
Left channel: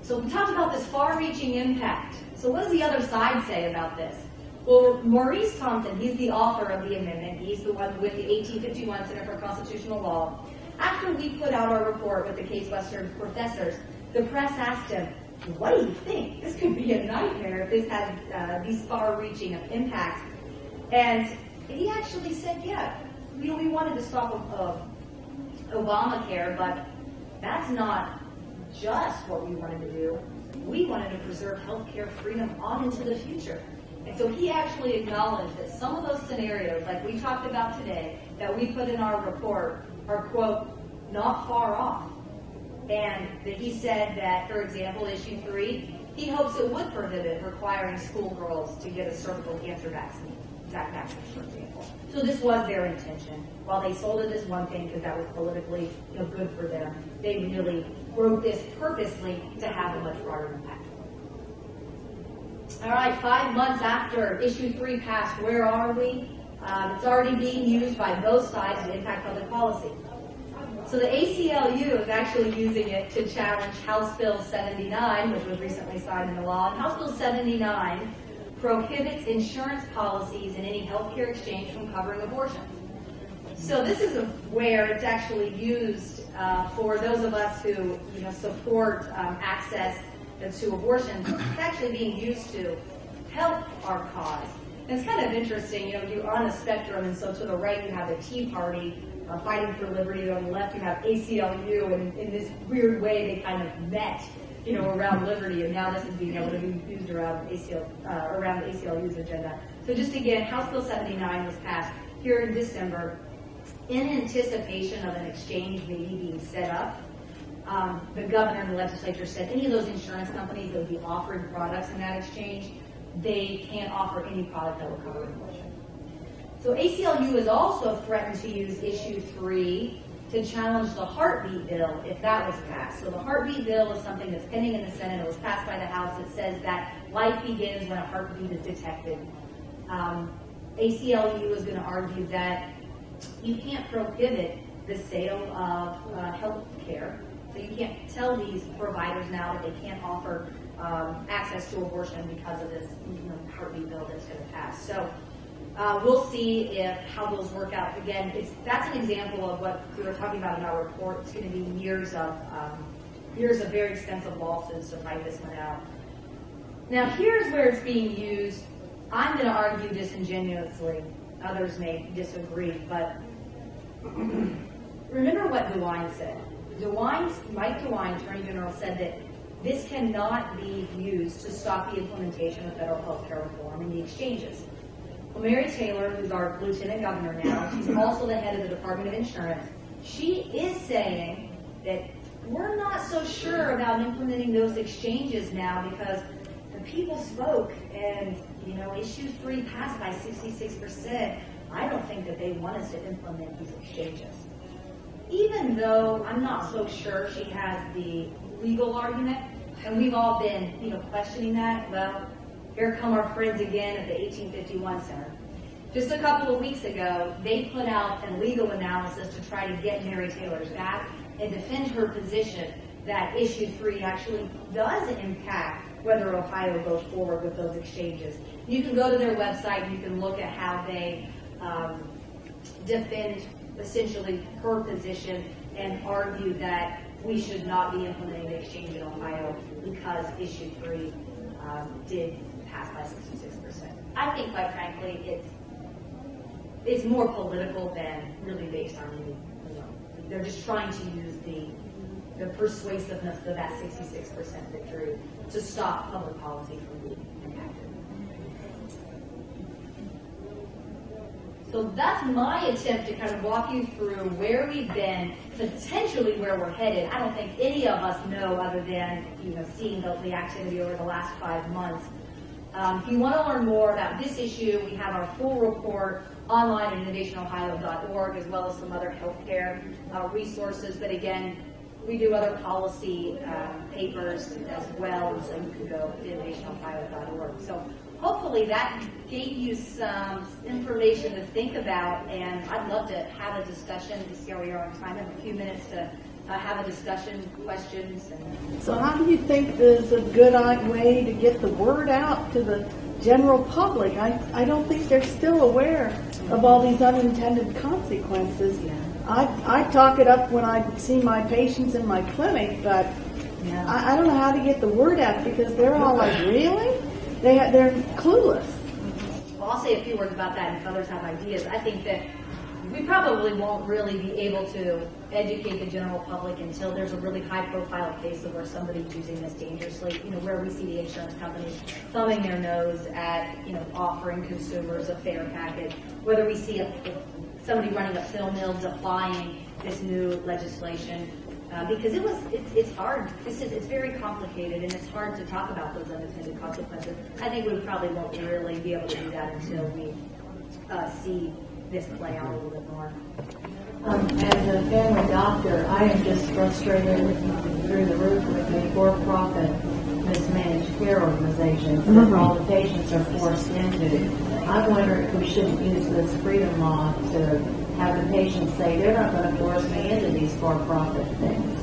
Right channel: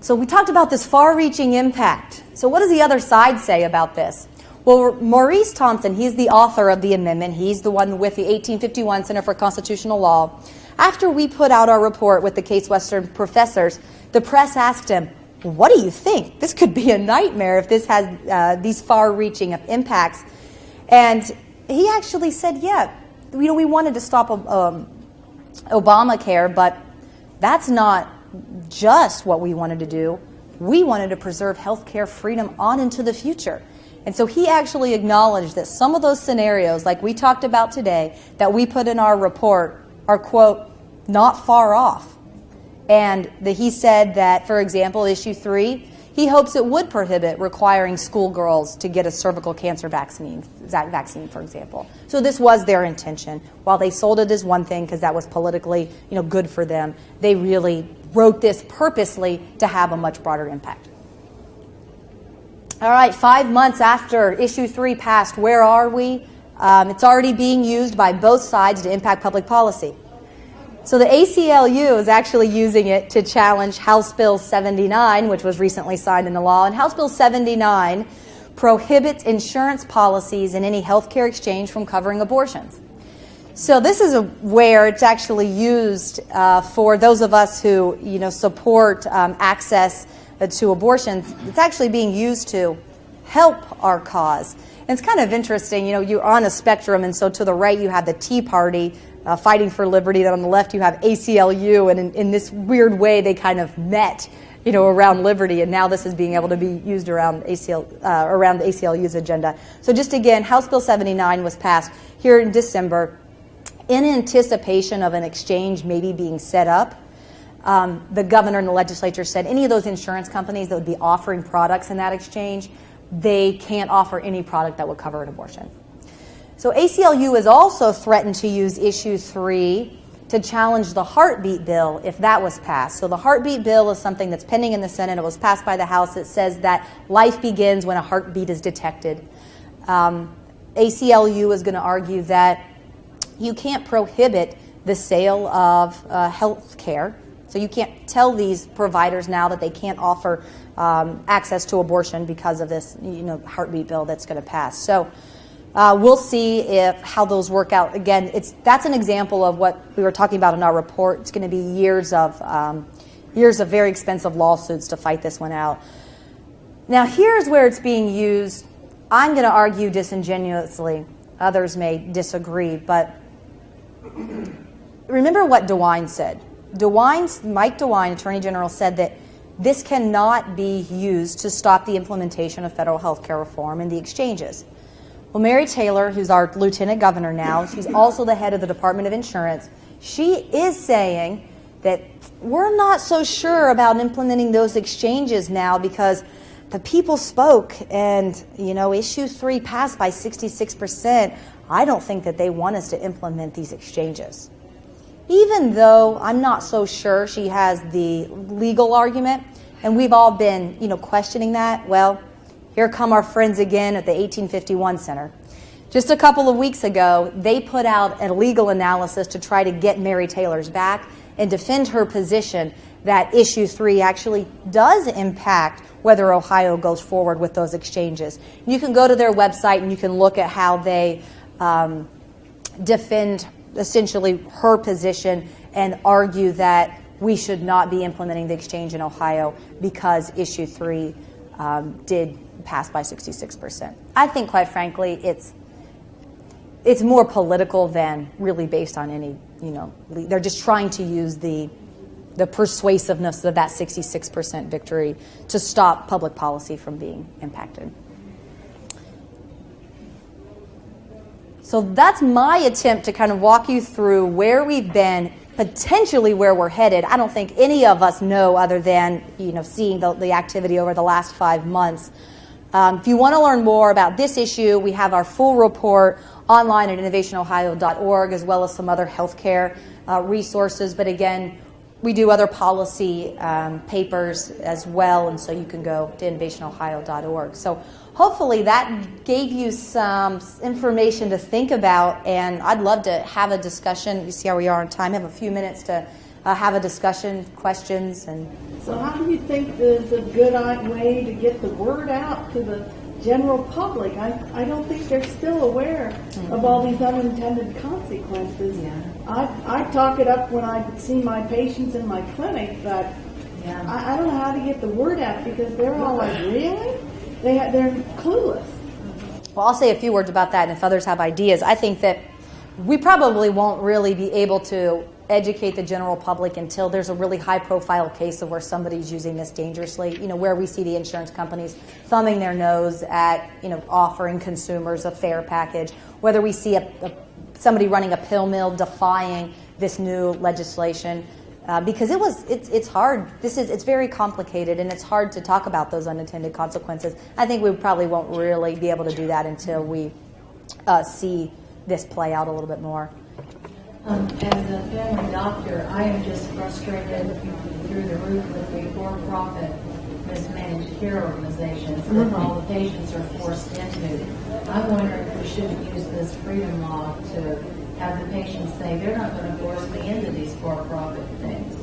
So we talked about this far-reaching impact. So what does the other side say about this? Well, Maurice Thompson, he's the author of the amendment. He's the one with the 1851 Center for Constitutional Law. After we put out our report with the Case Western professors, the press asked him, what do you think? This could be a nightmare if this has these far-reaching impacts. And he actually said, yeah, we wanted to stop Obamacare, but that's not just what we wanted to do. We wanted to preserve healthcare freedom on into the future. And so he actually acknowledged that some of those scenarios, like we talked about today, that we put in our report are, quote, not far off. And he said that, for example, issue 3, he hopes it would prohibit requiring schoolgirls to get a cervical cancer vaccine, for example. So this was their intention. While they sold it as one thing because that was politically, good for them, they really wrote this purposely to have a much broader impact. All right, 5 months after issue 3 passed, where are we? It's already being used by both sides to impact public policy. So the ACLU is actually using it to challenge House Bill 79, which was recently signed into law. And House Bill 79 prohibits insurance policies and any healthcare exchange from covering abortions. So this is where it's actually used for those of us who support access to abortions. It's actually being used to help our cause. And it's kind of interesting, you're on a spectrum, and so to the right you have the Tea Party fighting for liberty, then on the left you have ACLU, and in this weird way they kind of met, around liberty, and now this is being able to be used around around the ACLU's agenda. So just again, House Bill 79 was passed here in December in anticipation of an exchange maybe being set up. The governor and the legislature said any of those insurance companies that would be offering products in that exchange, they can't offer any product that would cover an abortion. So ACLU has also threatened to use issue 3 to challenge the heartbeat bill if that was passed. So the heartbeat bill is something that's pending in the Senate. It was passed by the House. It says that life begins when a heartbeat is detected. ACLU is going to argue that you can't prohibit the sale of health care. So you can't tell these providers now that they can't offer access to abortion because of this heartbeat bill that's going to pass. So we'll see how those work out. Again, that's an example of what we were talking about in our report. It's going to be years of very expensive lawsuits to fight this one out. Now, here's where it's being used. I'm going to argue disingenuously. Others may disagree, but remember what DeWine said. Mike DeWine, Attorney General, said that this cannot be used to stop the implementation of federal health care reform in the exchanges. Well, Mary Taylor, who's our lieutenant governor now, she's also the head of the Department of Insurance. She is saying that we're not so sure about implementing those exchanges now because the people spoke and, issue 3 passed by 66%. I don't think that they want us to implement these exchanges. Even though I'm not so sure she has the legal argument, and we've all been, questioning that, well, here come our friends again at the 1851 Center. Just a couple of weeks ago, they put out a legal analysis to try to get Mary Taylor's back and defend her position that issue 3 actually does impact whether Ohio goes forward with those exchanges. You can go to their website and you can look at how they defend essentially her position and argue that we should not be implementing the exchange in Ohio because issue 3 did pass by 66%. I think, quite frankly, it's more political than really based on any, they're just trying to use the persuasiveness of that 66% victory to stop public policy from being impacted. So that's my attempt to kind of walk you through where we've been, potentially where we're headed. I don't think any of us know other than, seeing the activity over the last 5 months. If you want to learn more about this issue, we have our full report online at innovationohio.org, as well as some other healthcare resources. But again, we do other policy papers as well, and so you can go to innovationohio.org. So hopefully that gave you some information to think about, and I'd love to have a discussion. You see how we are on time. I have a few minutes to have a discussion, questions. And So how do you think there's a good way to get the word out to the general public? I don't think they're still aware of all these unintended consequences. I talk it up when I see my patients in my clinic, but I don't know how to get the word out because they're all like, really? They're clueless. Well, I'll say a few words about that, and if others have ideas. I think that we probably won't really be able to educate the general public until there's a really high-profile case of where somebody's using this dangerously, where we see the insurance companies thumbing their nose at, offering consumers a fair package, whether we see somebody running a pill mill defying this new legislation, because it's hard. It's very complicated, and it's hard to talk about those unintended consequences. I think we probably won't really be able to do that until we see this play out a little bit more. As a family doctor, I am just frustrated through the roof with the for-profit mismanaged care organizations that all the patients are forced into. I wonder if we shouldn't use this freedom law to have the patients say they're not going to force me into these for-profit things.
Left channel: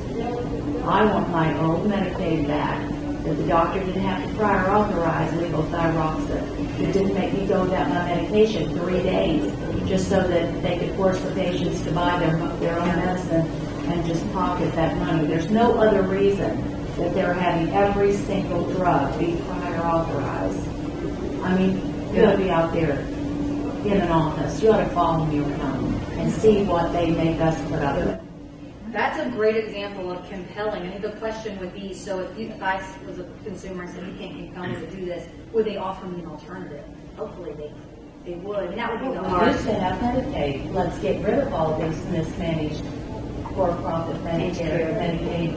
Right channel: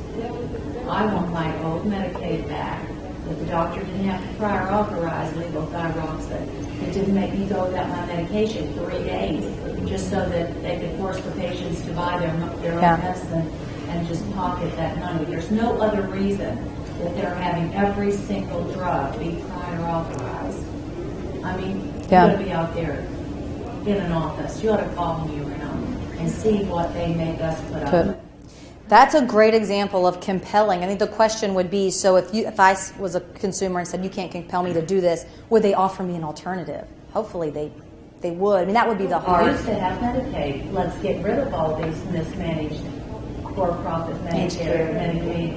I want my old Medicaid back, that the doctor didn't have to prior authorize levothyroxine. It didn't make me go without my medication 3 days just so that they could force the patients to buy their own medicine and just pocket that money. There's no other reason that they're having every single drug be prior authorized. I mean, you ought to be out there in an office. You ought to follow me around and see what they make us put up with. That's a great example of compelling. I think the question would be, so if I was a consumer and said, you can't compel me to do this, would they offer me an alternative? Hopefully they would. I mean, that would be the We hard. used to have Medicaid. Let's get rid of all these mismanaged for-profit Medicaid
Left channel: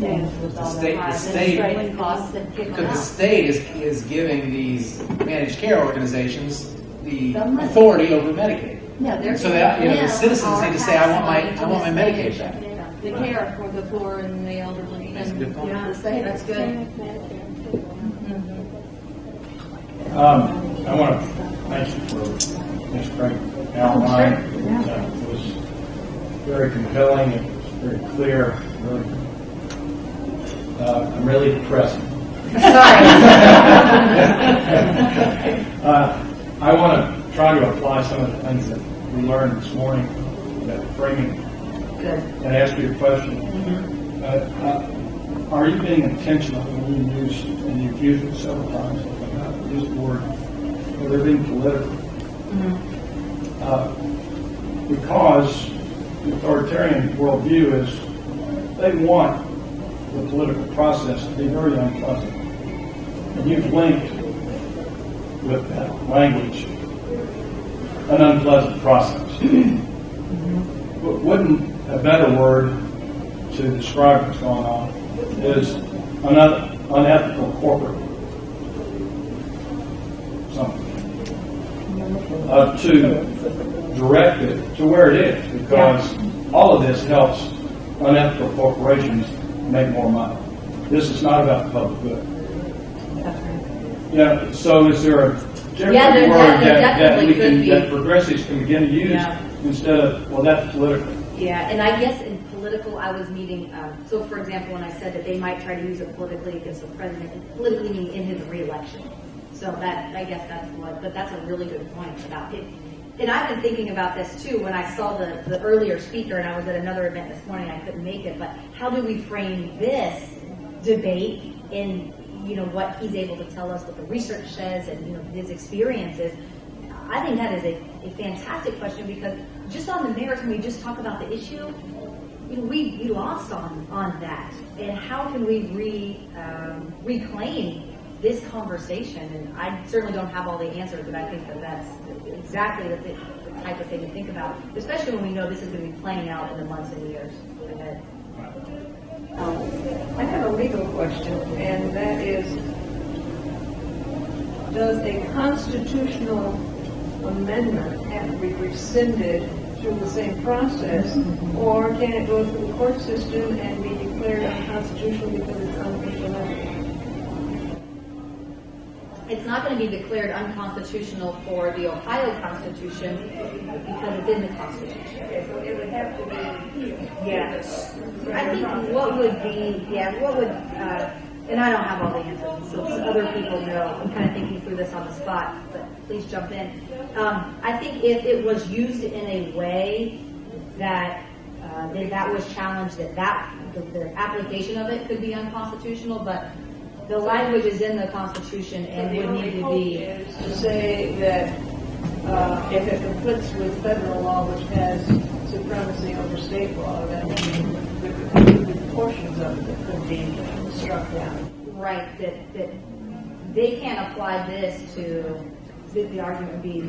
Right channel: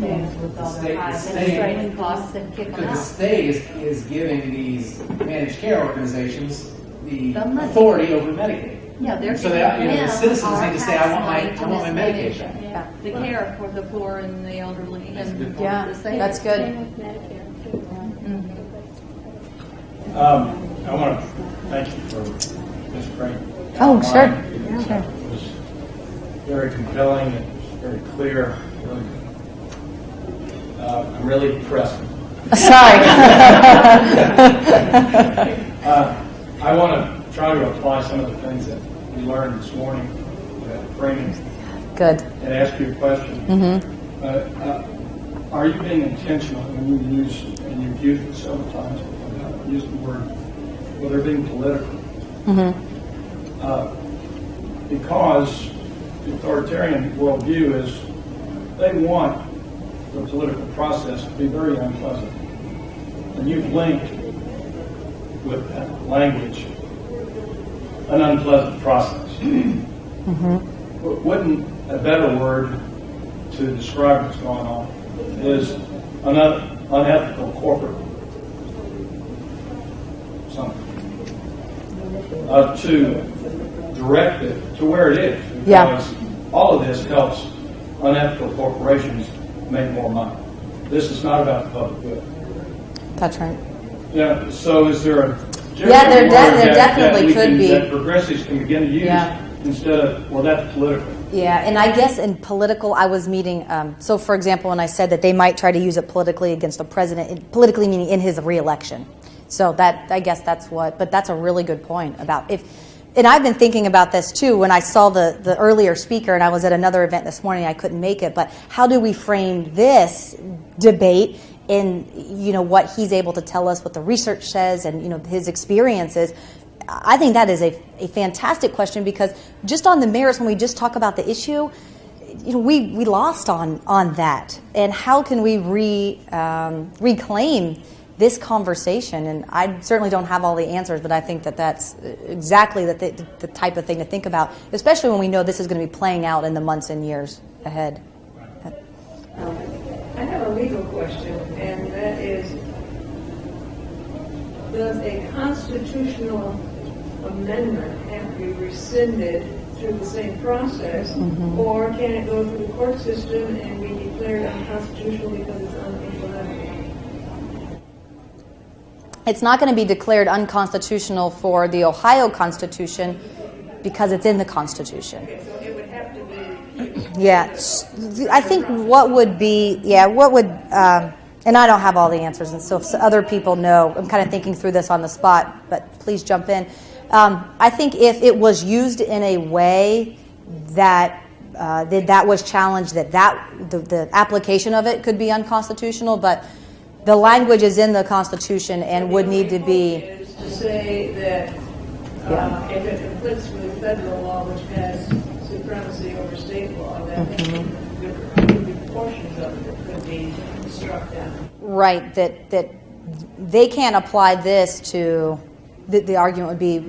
things with all the high administrative costs and kicking Because the out. state is giving these managed care organizations the The money. authority over Medicaid. Yeah, they're So that, giving the them citizens our need to say, I want tax money my to Medicaid mismanage back. the care for the poor and the elderly. That's a And good point. Yeah, the same. that's good. I want to thank you for this great Oh, sure. outline. It was very compelling. It was very clear. Really, I'm really depressed. Sorry. I want to try to apply some of the things that we learned this morning, framing, Good. and ask you a question. Are you being intentional when you use, and you've used it several times, use the word, well, they're being political? Because the authoritarian worldview is they want the political process to be very unpleasant. And you've linked with that language an unpleasant process. But wouldn't a better word to describe what's going on is an unethical corporate something? To direct it to where it is, because all of this helps unethical corporations make more money. This is not about the public good. That's right. Yeah. So is there a different there word there that definitely we could can, be. that progressives can begin to use Yeah. instead of, well, that's political? Yeah, and I guess in political, I was meeting, so for example, when I said that they might try to use it politically against the president, politically meaning in his reelection. So that, I guess that's but that's a really good point about and I've been thinking about this too when I saw the earlier speaker, and I was at another event this morning, I couldn't make it, but how do we frame this debate in, what he's able to tell us, what the research says, and, his experiences? I think that is a fantastic question, because just on the merits, when we just talk about the issue, we lost on that. And how can we reclaim this conversation? And I certainly don't have all the answers, but I think that that's exactly the type of thing to think about, especially when we know this is going to be playing out in the months and years ahead. I have a legal question, and that is, does a constitutional amendment have to be rescinded through the same process, or can it go through the court system and be declared unconstitutional because it's unimplementable? It's not going to be declared unconstitutional for the Ohio Constitution because it's in the Constitution. So it would have to be. Yeah, I think what would, and I don't have all the answers, and so if other people know, I'm kind of thinking through this on the spot, but please jump in. I think if it was used in a way that that was challenged, the application of it could be unconstitutional, but the language is in the Constitution and would need to be. Is to say that if it conflicts with federal law, which has supremacy over state law, that good portions of it could be struck down. Right, that they can't apply this to, the argument would be,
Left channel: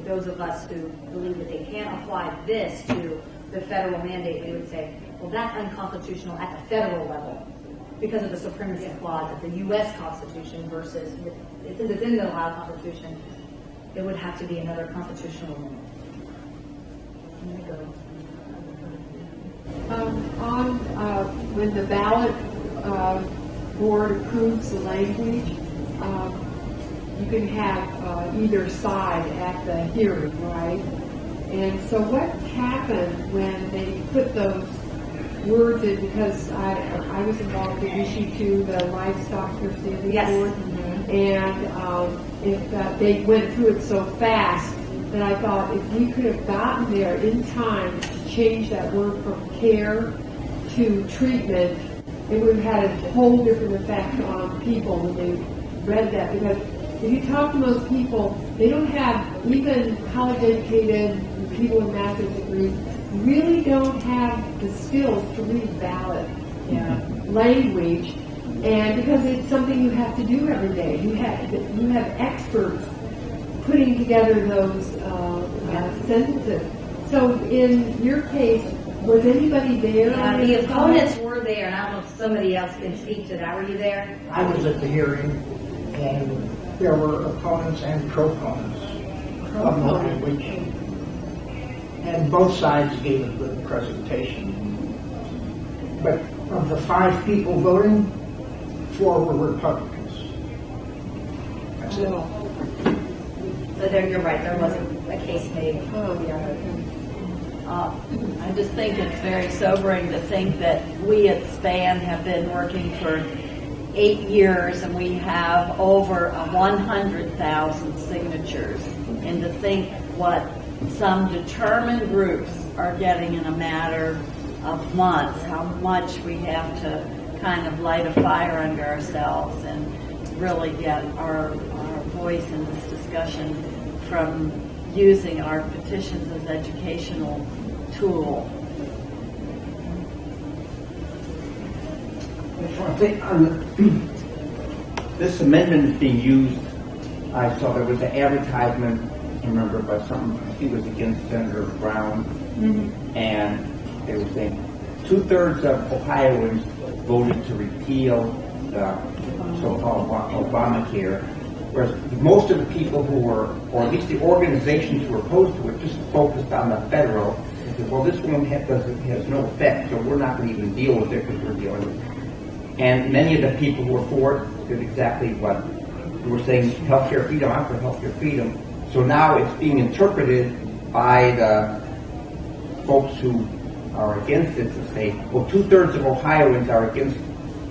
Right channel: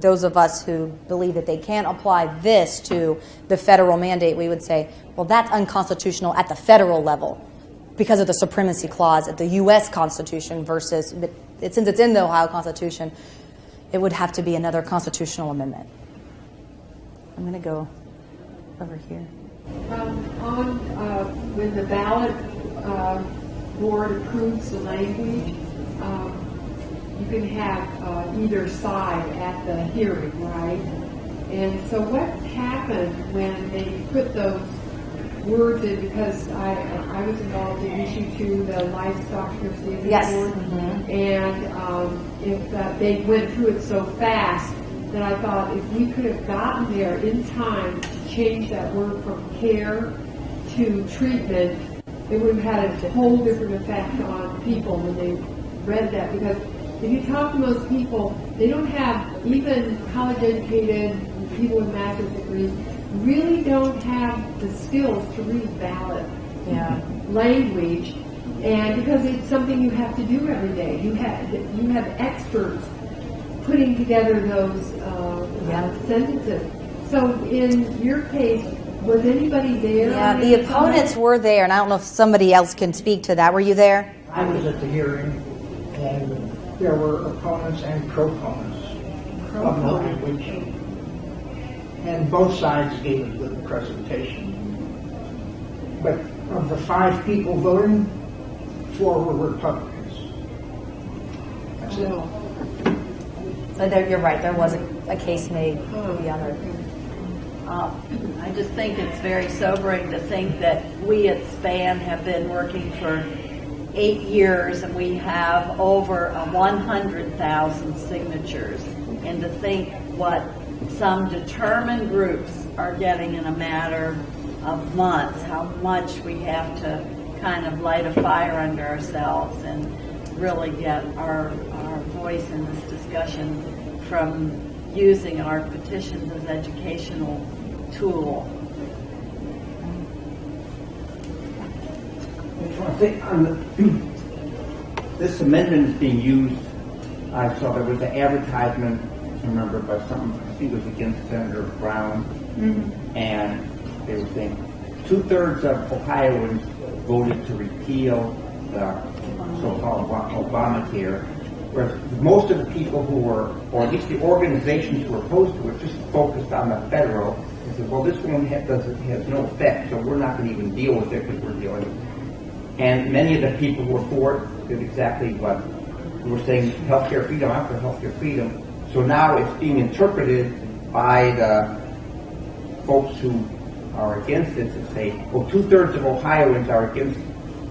those of us who believe that they can't apply this to the federal mandate, we would say, well, that's unconstitutional at the federal level because of the supremacy clause at the U.S. Constitution versus, since it's in the Ohio Constitution, it would have to be another constitutional amendment. I'm going to go over here. When the ballot board approves the language, you can have either side at the hearing, right? And so what happened when they put those words in, because I was involved in issue 2, the livestock here standing board, and if they went through it so fast that I thought if we could have gotten there in time to change that word from care to treatment, it would have had a whole different effect on people when they read that. Because if you talk to most people, they don't have, even college-educated people with master's degrees, really don't have the skills to read ballot language, and because it's something you have to do every day. You have experts putting together those sentences. So in your case, was anybody there? Yeah, the opponents were there, and I don't know if somebody else can speak to that. Were you there? I was at the hearing, and there were opponents and proponents of the language, and both sides gave a good presentation. But of the 5 people voting, 4 were Republicans. That's it. So there, you're right. There wasn't a case made beyond it. I just think it's very sobering to think that we at SPAN have been working for 8 years and we have over 100,000 signatures, and to think what some determined groups are getting in a matter of months, how much we have to kind of light a fire under ourselves and really get our voice in this discussion from using our petitions as educational tool. I think this amendment is being used. I saw there was an advertisement, I remember, by something, I think it was against Senator Brown, and they were saying 2/3 of Ohioans voted to repeal the so-called Obamacare, whereas most of the people who were, or at least the organizations who were opposed to it, just focused on the federal. They said, well, this one has no effect, so we're not going to even deal with it because we're dealing with it. And many of the people who were for it did exactly what we were saying, healthcare freedom, I'm for healthcare freedom. So now it's being interpreted by the folks who are against it to say, well, 2/3 of Ohioans are against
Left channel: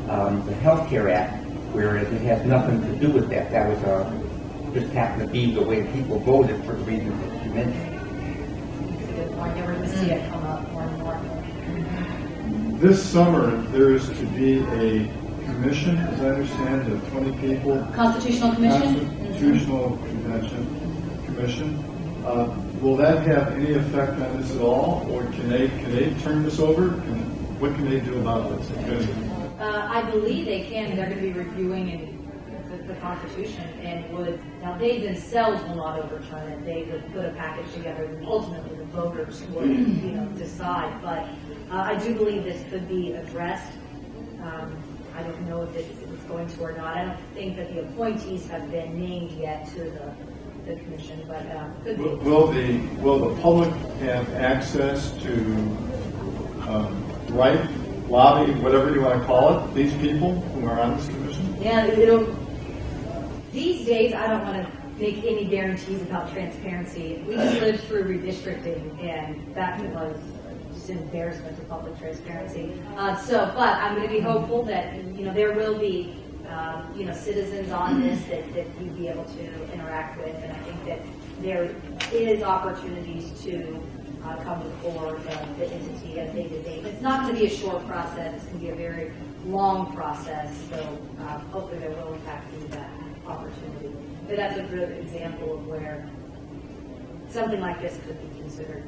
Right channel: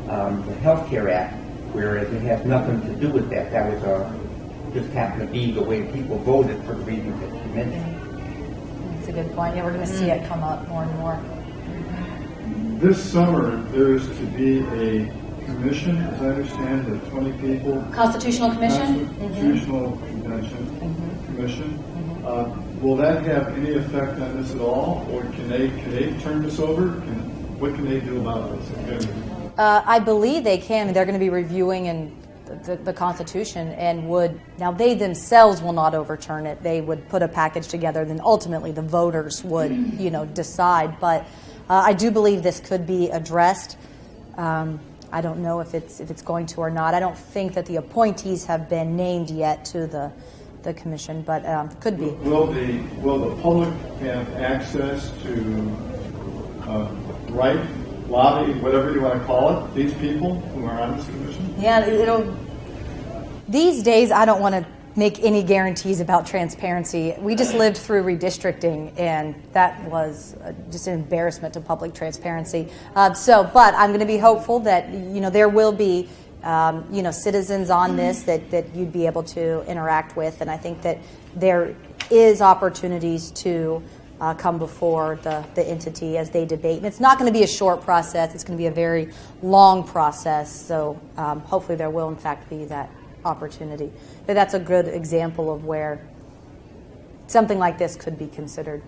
the Health Care Act, whereas it has nothing to do with that. That was just happened to be the way people voted for the reasons that you mentioned. That's a good point. Yeah, we're going to see it come up more and more. This summer, there is to be a commission, as I understand, of 20 people. Constitutional Commission? Constitutional Commission. Will that have any effect on this at all, or can they turn this over? What can they do about this? I believe they can. They're going to be reviewing the Constitution and now they themselves will not overturn it. They would put a package together, then ultimately the voters would, decide. But I do believe this could be addressed. I don't know if it's going to or not. I don't think that the appointees have been named yet to the commission, but could be. Will the public have access to write, lobby, whatever you want to call it, these people who are on this commission? Yeah, these days I don't want to make any guarantees about transparency. We just lived through redistricting, and that was just an embarrassment to public transparency. But I'm going to be hopeful that there will be citizens on this that you'd be able to interact with, and I think that there is opportunities to come before the entity as they debate. And it's not going to be a short process. It's going to be a very long process. So hopefully there will in fact be that opportunity. But that's a good example of where something like this could be considered.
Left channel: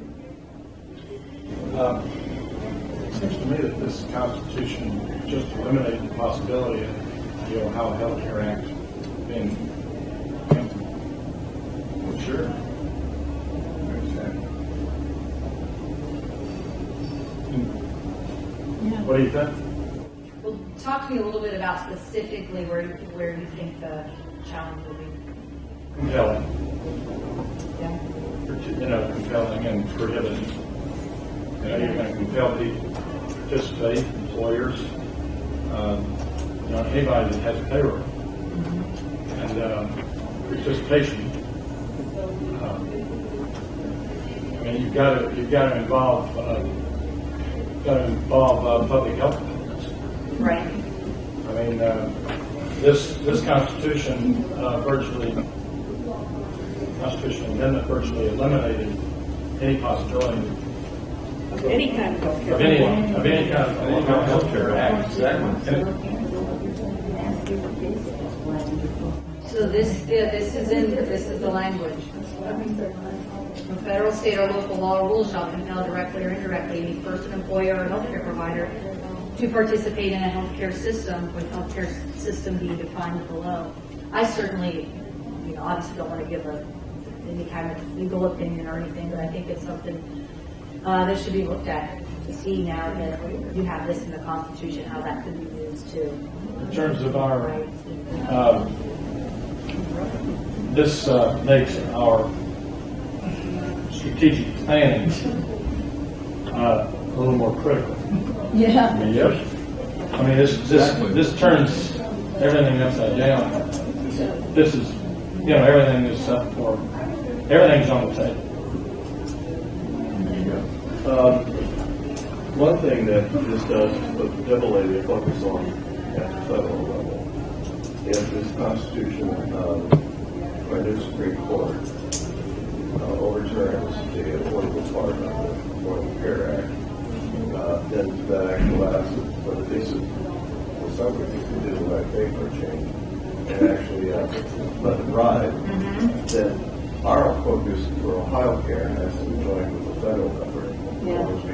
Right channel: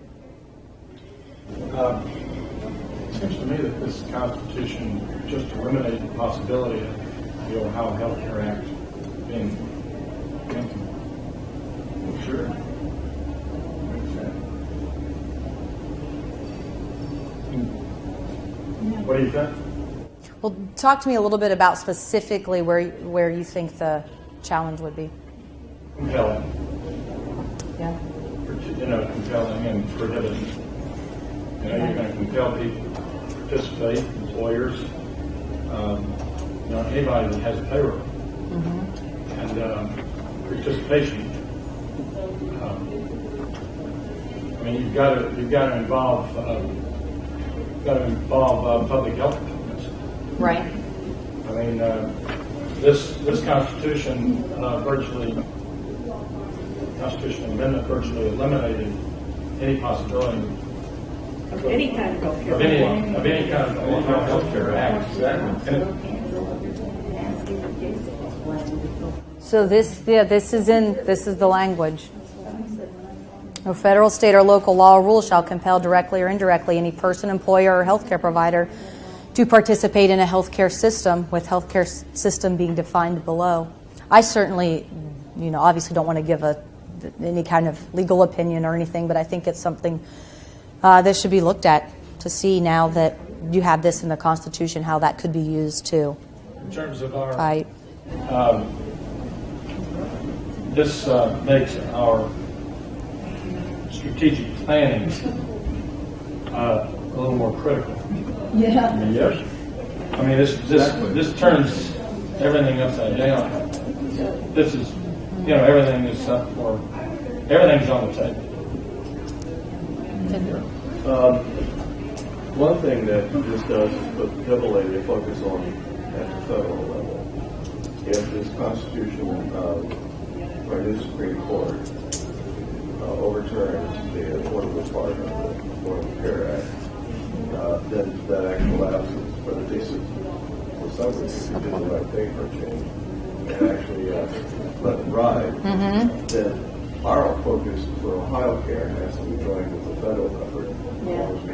It seems to me that this Constitution just eliminates the possibility of the Ohio Health Care Act being implemented. Well, sure. What do you think? Well, talk to me a little bit about specifically where you think the challenge would be. Compelling. Yeah. Compelling and prohibiting. You're going to compel people to participate, employers, anybody that has a payroll. And participation. You've got to involve public health departments. Right. This constitutional amendment virtually eliminated any possibility Of any kind of healthcare. of any kind of Ohio Health Care Act. Exactly. So this is the language. No federal, state, or local law or rule shall compel directly or indirectly any person, employer, or healthcare provider to participate in a healthcare system, with healthcare system being defined below. I certainly, obviously don't want to give any kind of legal opinion or anything, but I think it's something that should be looked at to see, now that you have this in the Constitution, how that could be used too. In terms of our, this makes our strategic planning a little more critical. Yeah. Yes. This turns everything upside down. This is, everything is up for, everything's on the table. One thing that this does is put heavily focus on at the federal level. If this Constitution or the Supreme Court overturns the affordable part of the Affordable Care Act, then that act collapses. But if they for some reason they did the right thing for a change and actually let it ride, then our focus for Ohio Care has to be joined with the federal effort. Yeah. Because we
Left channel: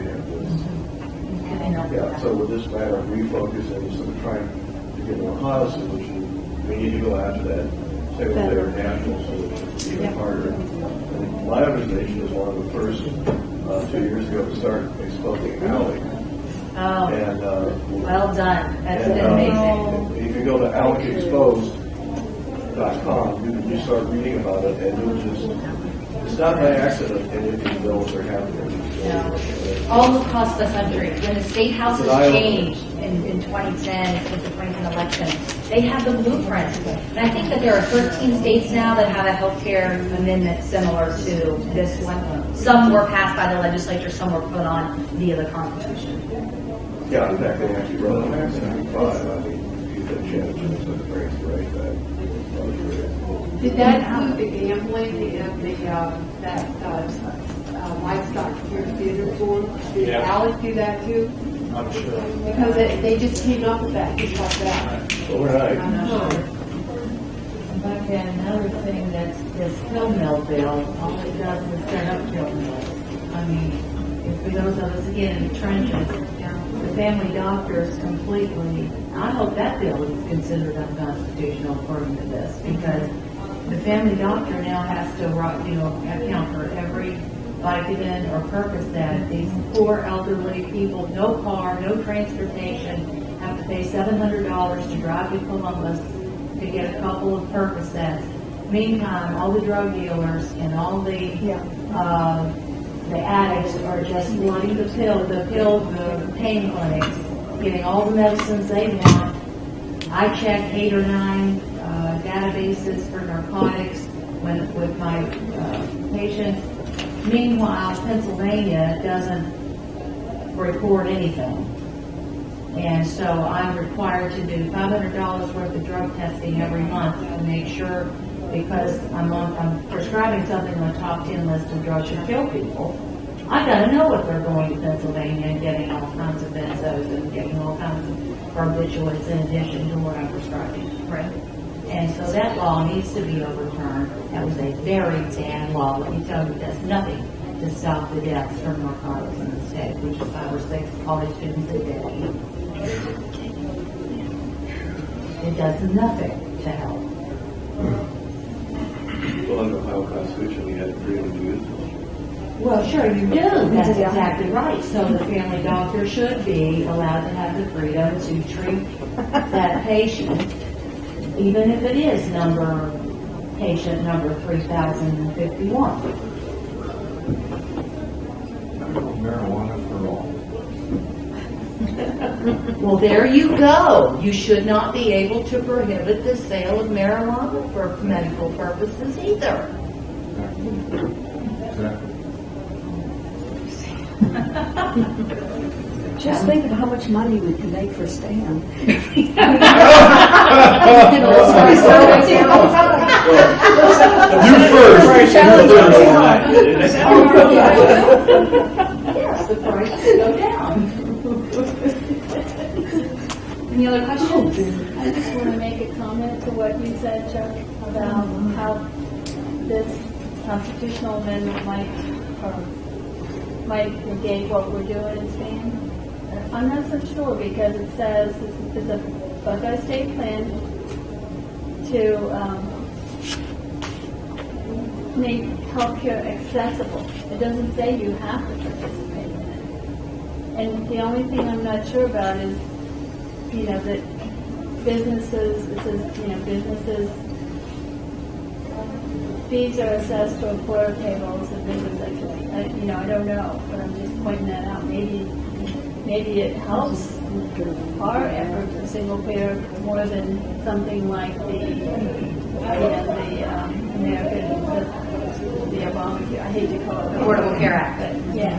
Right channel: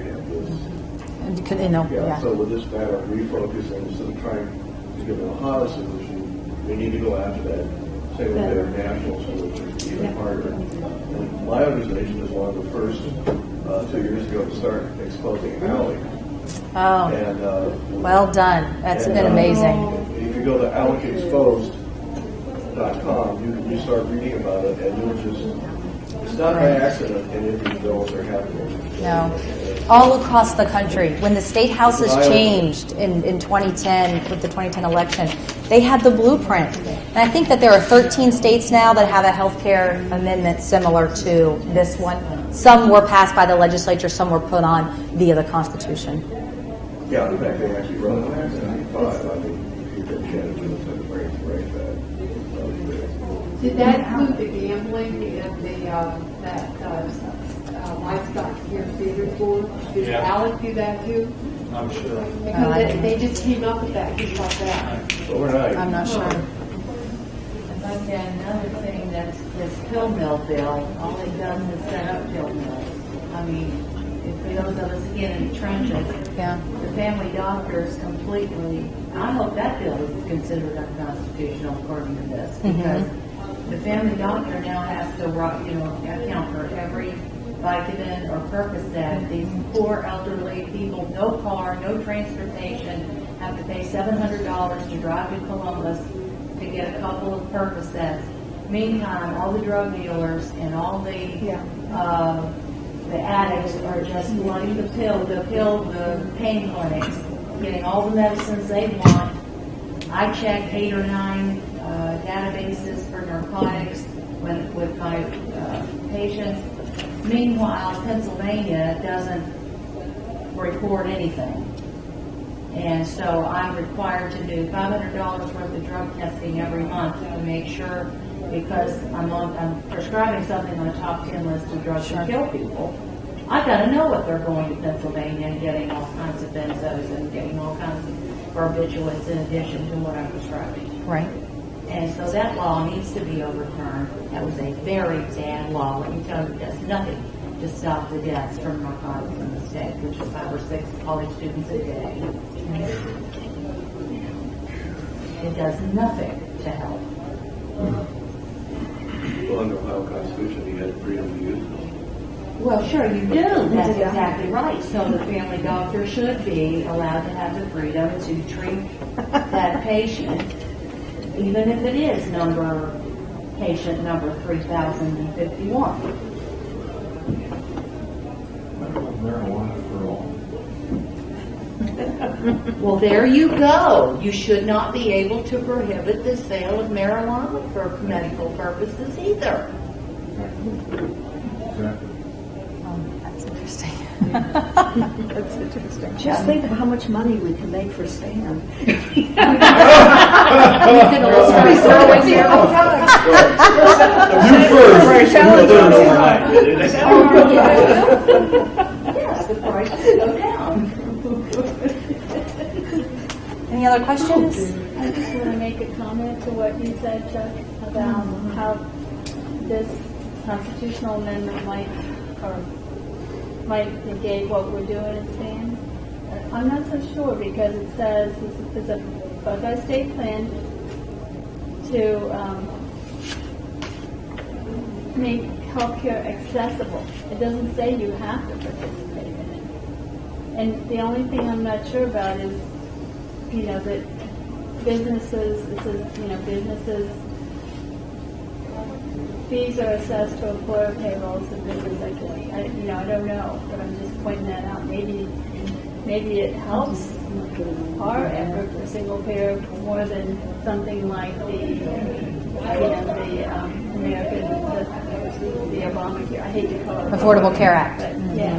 have this. So with this matter of refocusing, instead of trying to get an Ohio solution, we need to go after that single-payer national solution even harder. And my organization is one of the first 2 years ago to start exposing ALEC. Oh, And, well done. That's been amazing. If you go to alecexposed.com, you start reading about it, and you'll just, it's not by accident any of these bills are happening. No. All across the country. When the state houses changed in 2010, with the 2010 election, they had the blueprint. And I think that there are 13 states now that have a health care amendment similar to this one. Some were passed by the legislature, some were put on via the Constitution. Yeah, in fact, they actually wrote an Act 95. You could change it to bring it right back. Did that include the gambling and that livestock security theater board? Did ALEC do that too? I'm sure. Because they just came up with that just like that. Overnight. I'm not sure. But another thing, that's this pill mill bill, all it does is set up pill mills. For those of us again in the trenches, the family doctors completely, I hope that bill is considered unconstitutional according to this, because the family doctor now has to account for every Vicodin or Percocet. These poor elderly people, no car, no transportation, have have to pay $700 to drive to Columbus to get a couple of Percocets. Meantime, all the drug dealers and all the addicts are just wanting the pain clinics, getting all the medicines they want. I check 8 or 9 databases for narcotics with my patients. Meanwhile, Pennsylvania doesn't record anything. And so I'm required to do $500 worth of drug testing every month to make sure, because I'm prescribing something on the top 10 list of drugs that kill people. I got to know what they're going to Pennsylvania and getting all kinds of benzos and getting all kinds of barbiturates in addition to what I'm prescribing. Right. And so that law needs to be overturned. That was a very bad law. Let me tell you, it does nothing to stop the deaths from narcotics in the state, which is 5 or 6 college students a day. It does nothing to help. Well, under Ohio Constitution, you had freedom to use it. Well, sure you do. That's exactly right. So the family doctor should be allowed to have the freedom to treat that patient, even if it is patient number 3051. Marijuana for all. Well, there you go. You should not be able to prohibit the sale of marijuana for medical purposes either. Exactly. Just think of how much money we can make for Stan. You first. Yes, the price will go down. Any other questions? I just want to make a comment to what you said, Chuck, about how this constitutional amendment might negate what we're doing in Spain. I'm not so sure, because it says it's a Buckeye state plan to make healthcare accessible. It doesn't say you have to participate in it. And the only thing I'm not sure about is, that businesses, it says, businesses, fees are assessed to employer payrolls and business activity. I don't know, but I'm just pointing that out. Maybe it helps our effort for single payer more than something like the Obamacare. I hate to call it Affordable Care Act. but yeah.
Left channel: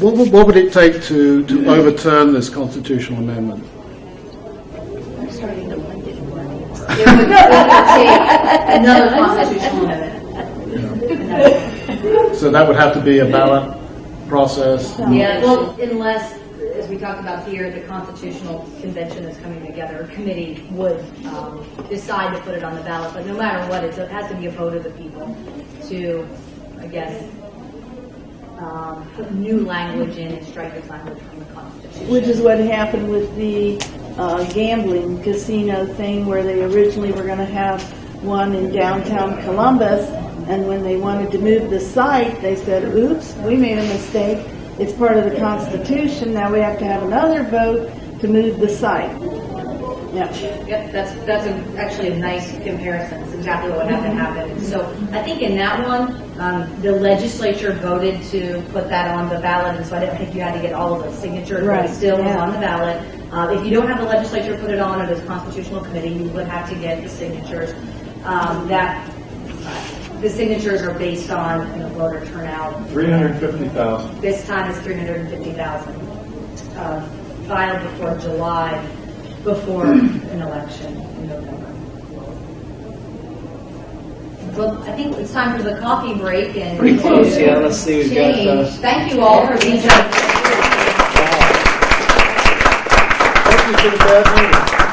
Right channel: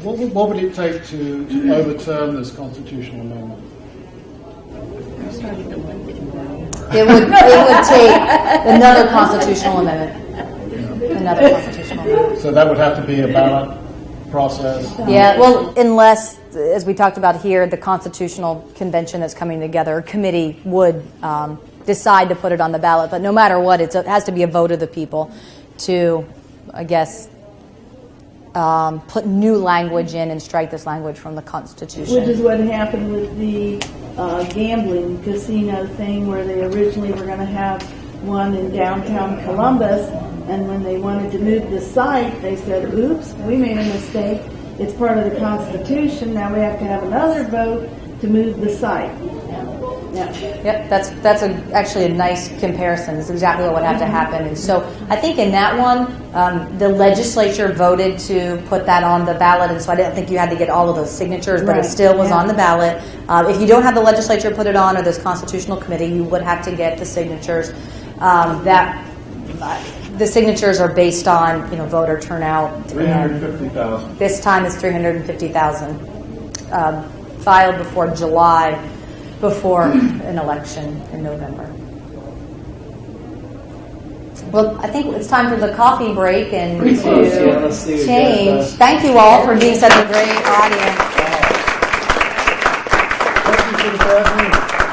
What would it take to overturn this constitutional amendment? I'm starting to like it. It would take another constitutional amendment. So that would have to be a ballot process? Yeah, well, unless, as we talked about here, the Constitutional Convention is coming together, a committee would decide to put it on the ballot. But no matter what, it has to be a vote of the people to, I guess, put new language in and strike this language from the Constitution. Which is what happened with the gambling casino thing, where they originally were going to have one in downtown Columbus, and when they wanted to move the site, they said, oops, we made a mistake. It's part of the Constitution. Now we have to have another vote to move the site. Yeah. Yep, that's actually a nice comparison. It's exactly what had to happen. And so I think in that one, the legislature voted to put that on the ballot, and so I didn't think you had to get all of those signatures, but it still was on the ballot. If you don't have the legislature put it on, or this constitutional committee, you would have to get the signatures. The signatures are based on voter turnout. 350,000. This time is 350,000 filed before July, before an election in November. Well, I think it's time for the coffee break and Pretty close, yeah. Let's see what change. Jeff does. Thank you all for being such a great audience. Thank you for the bad news.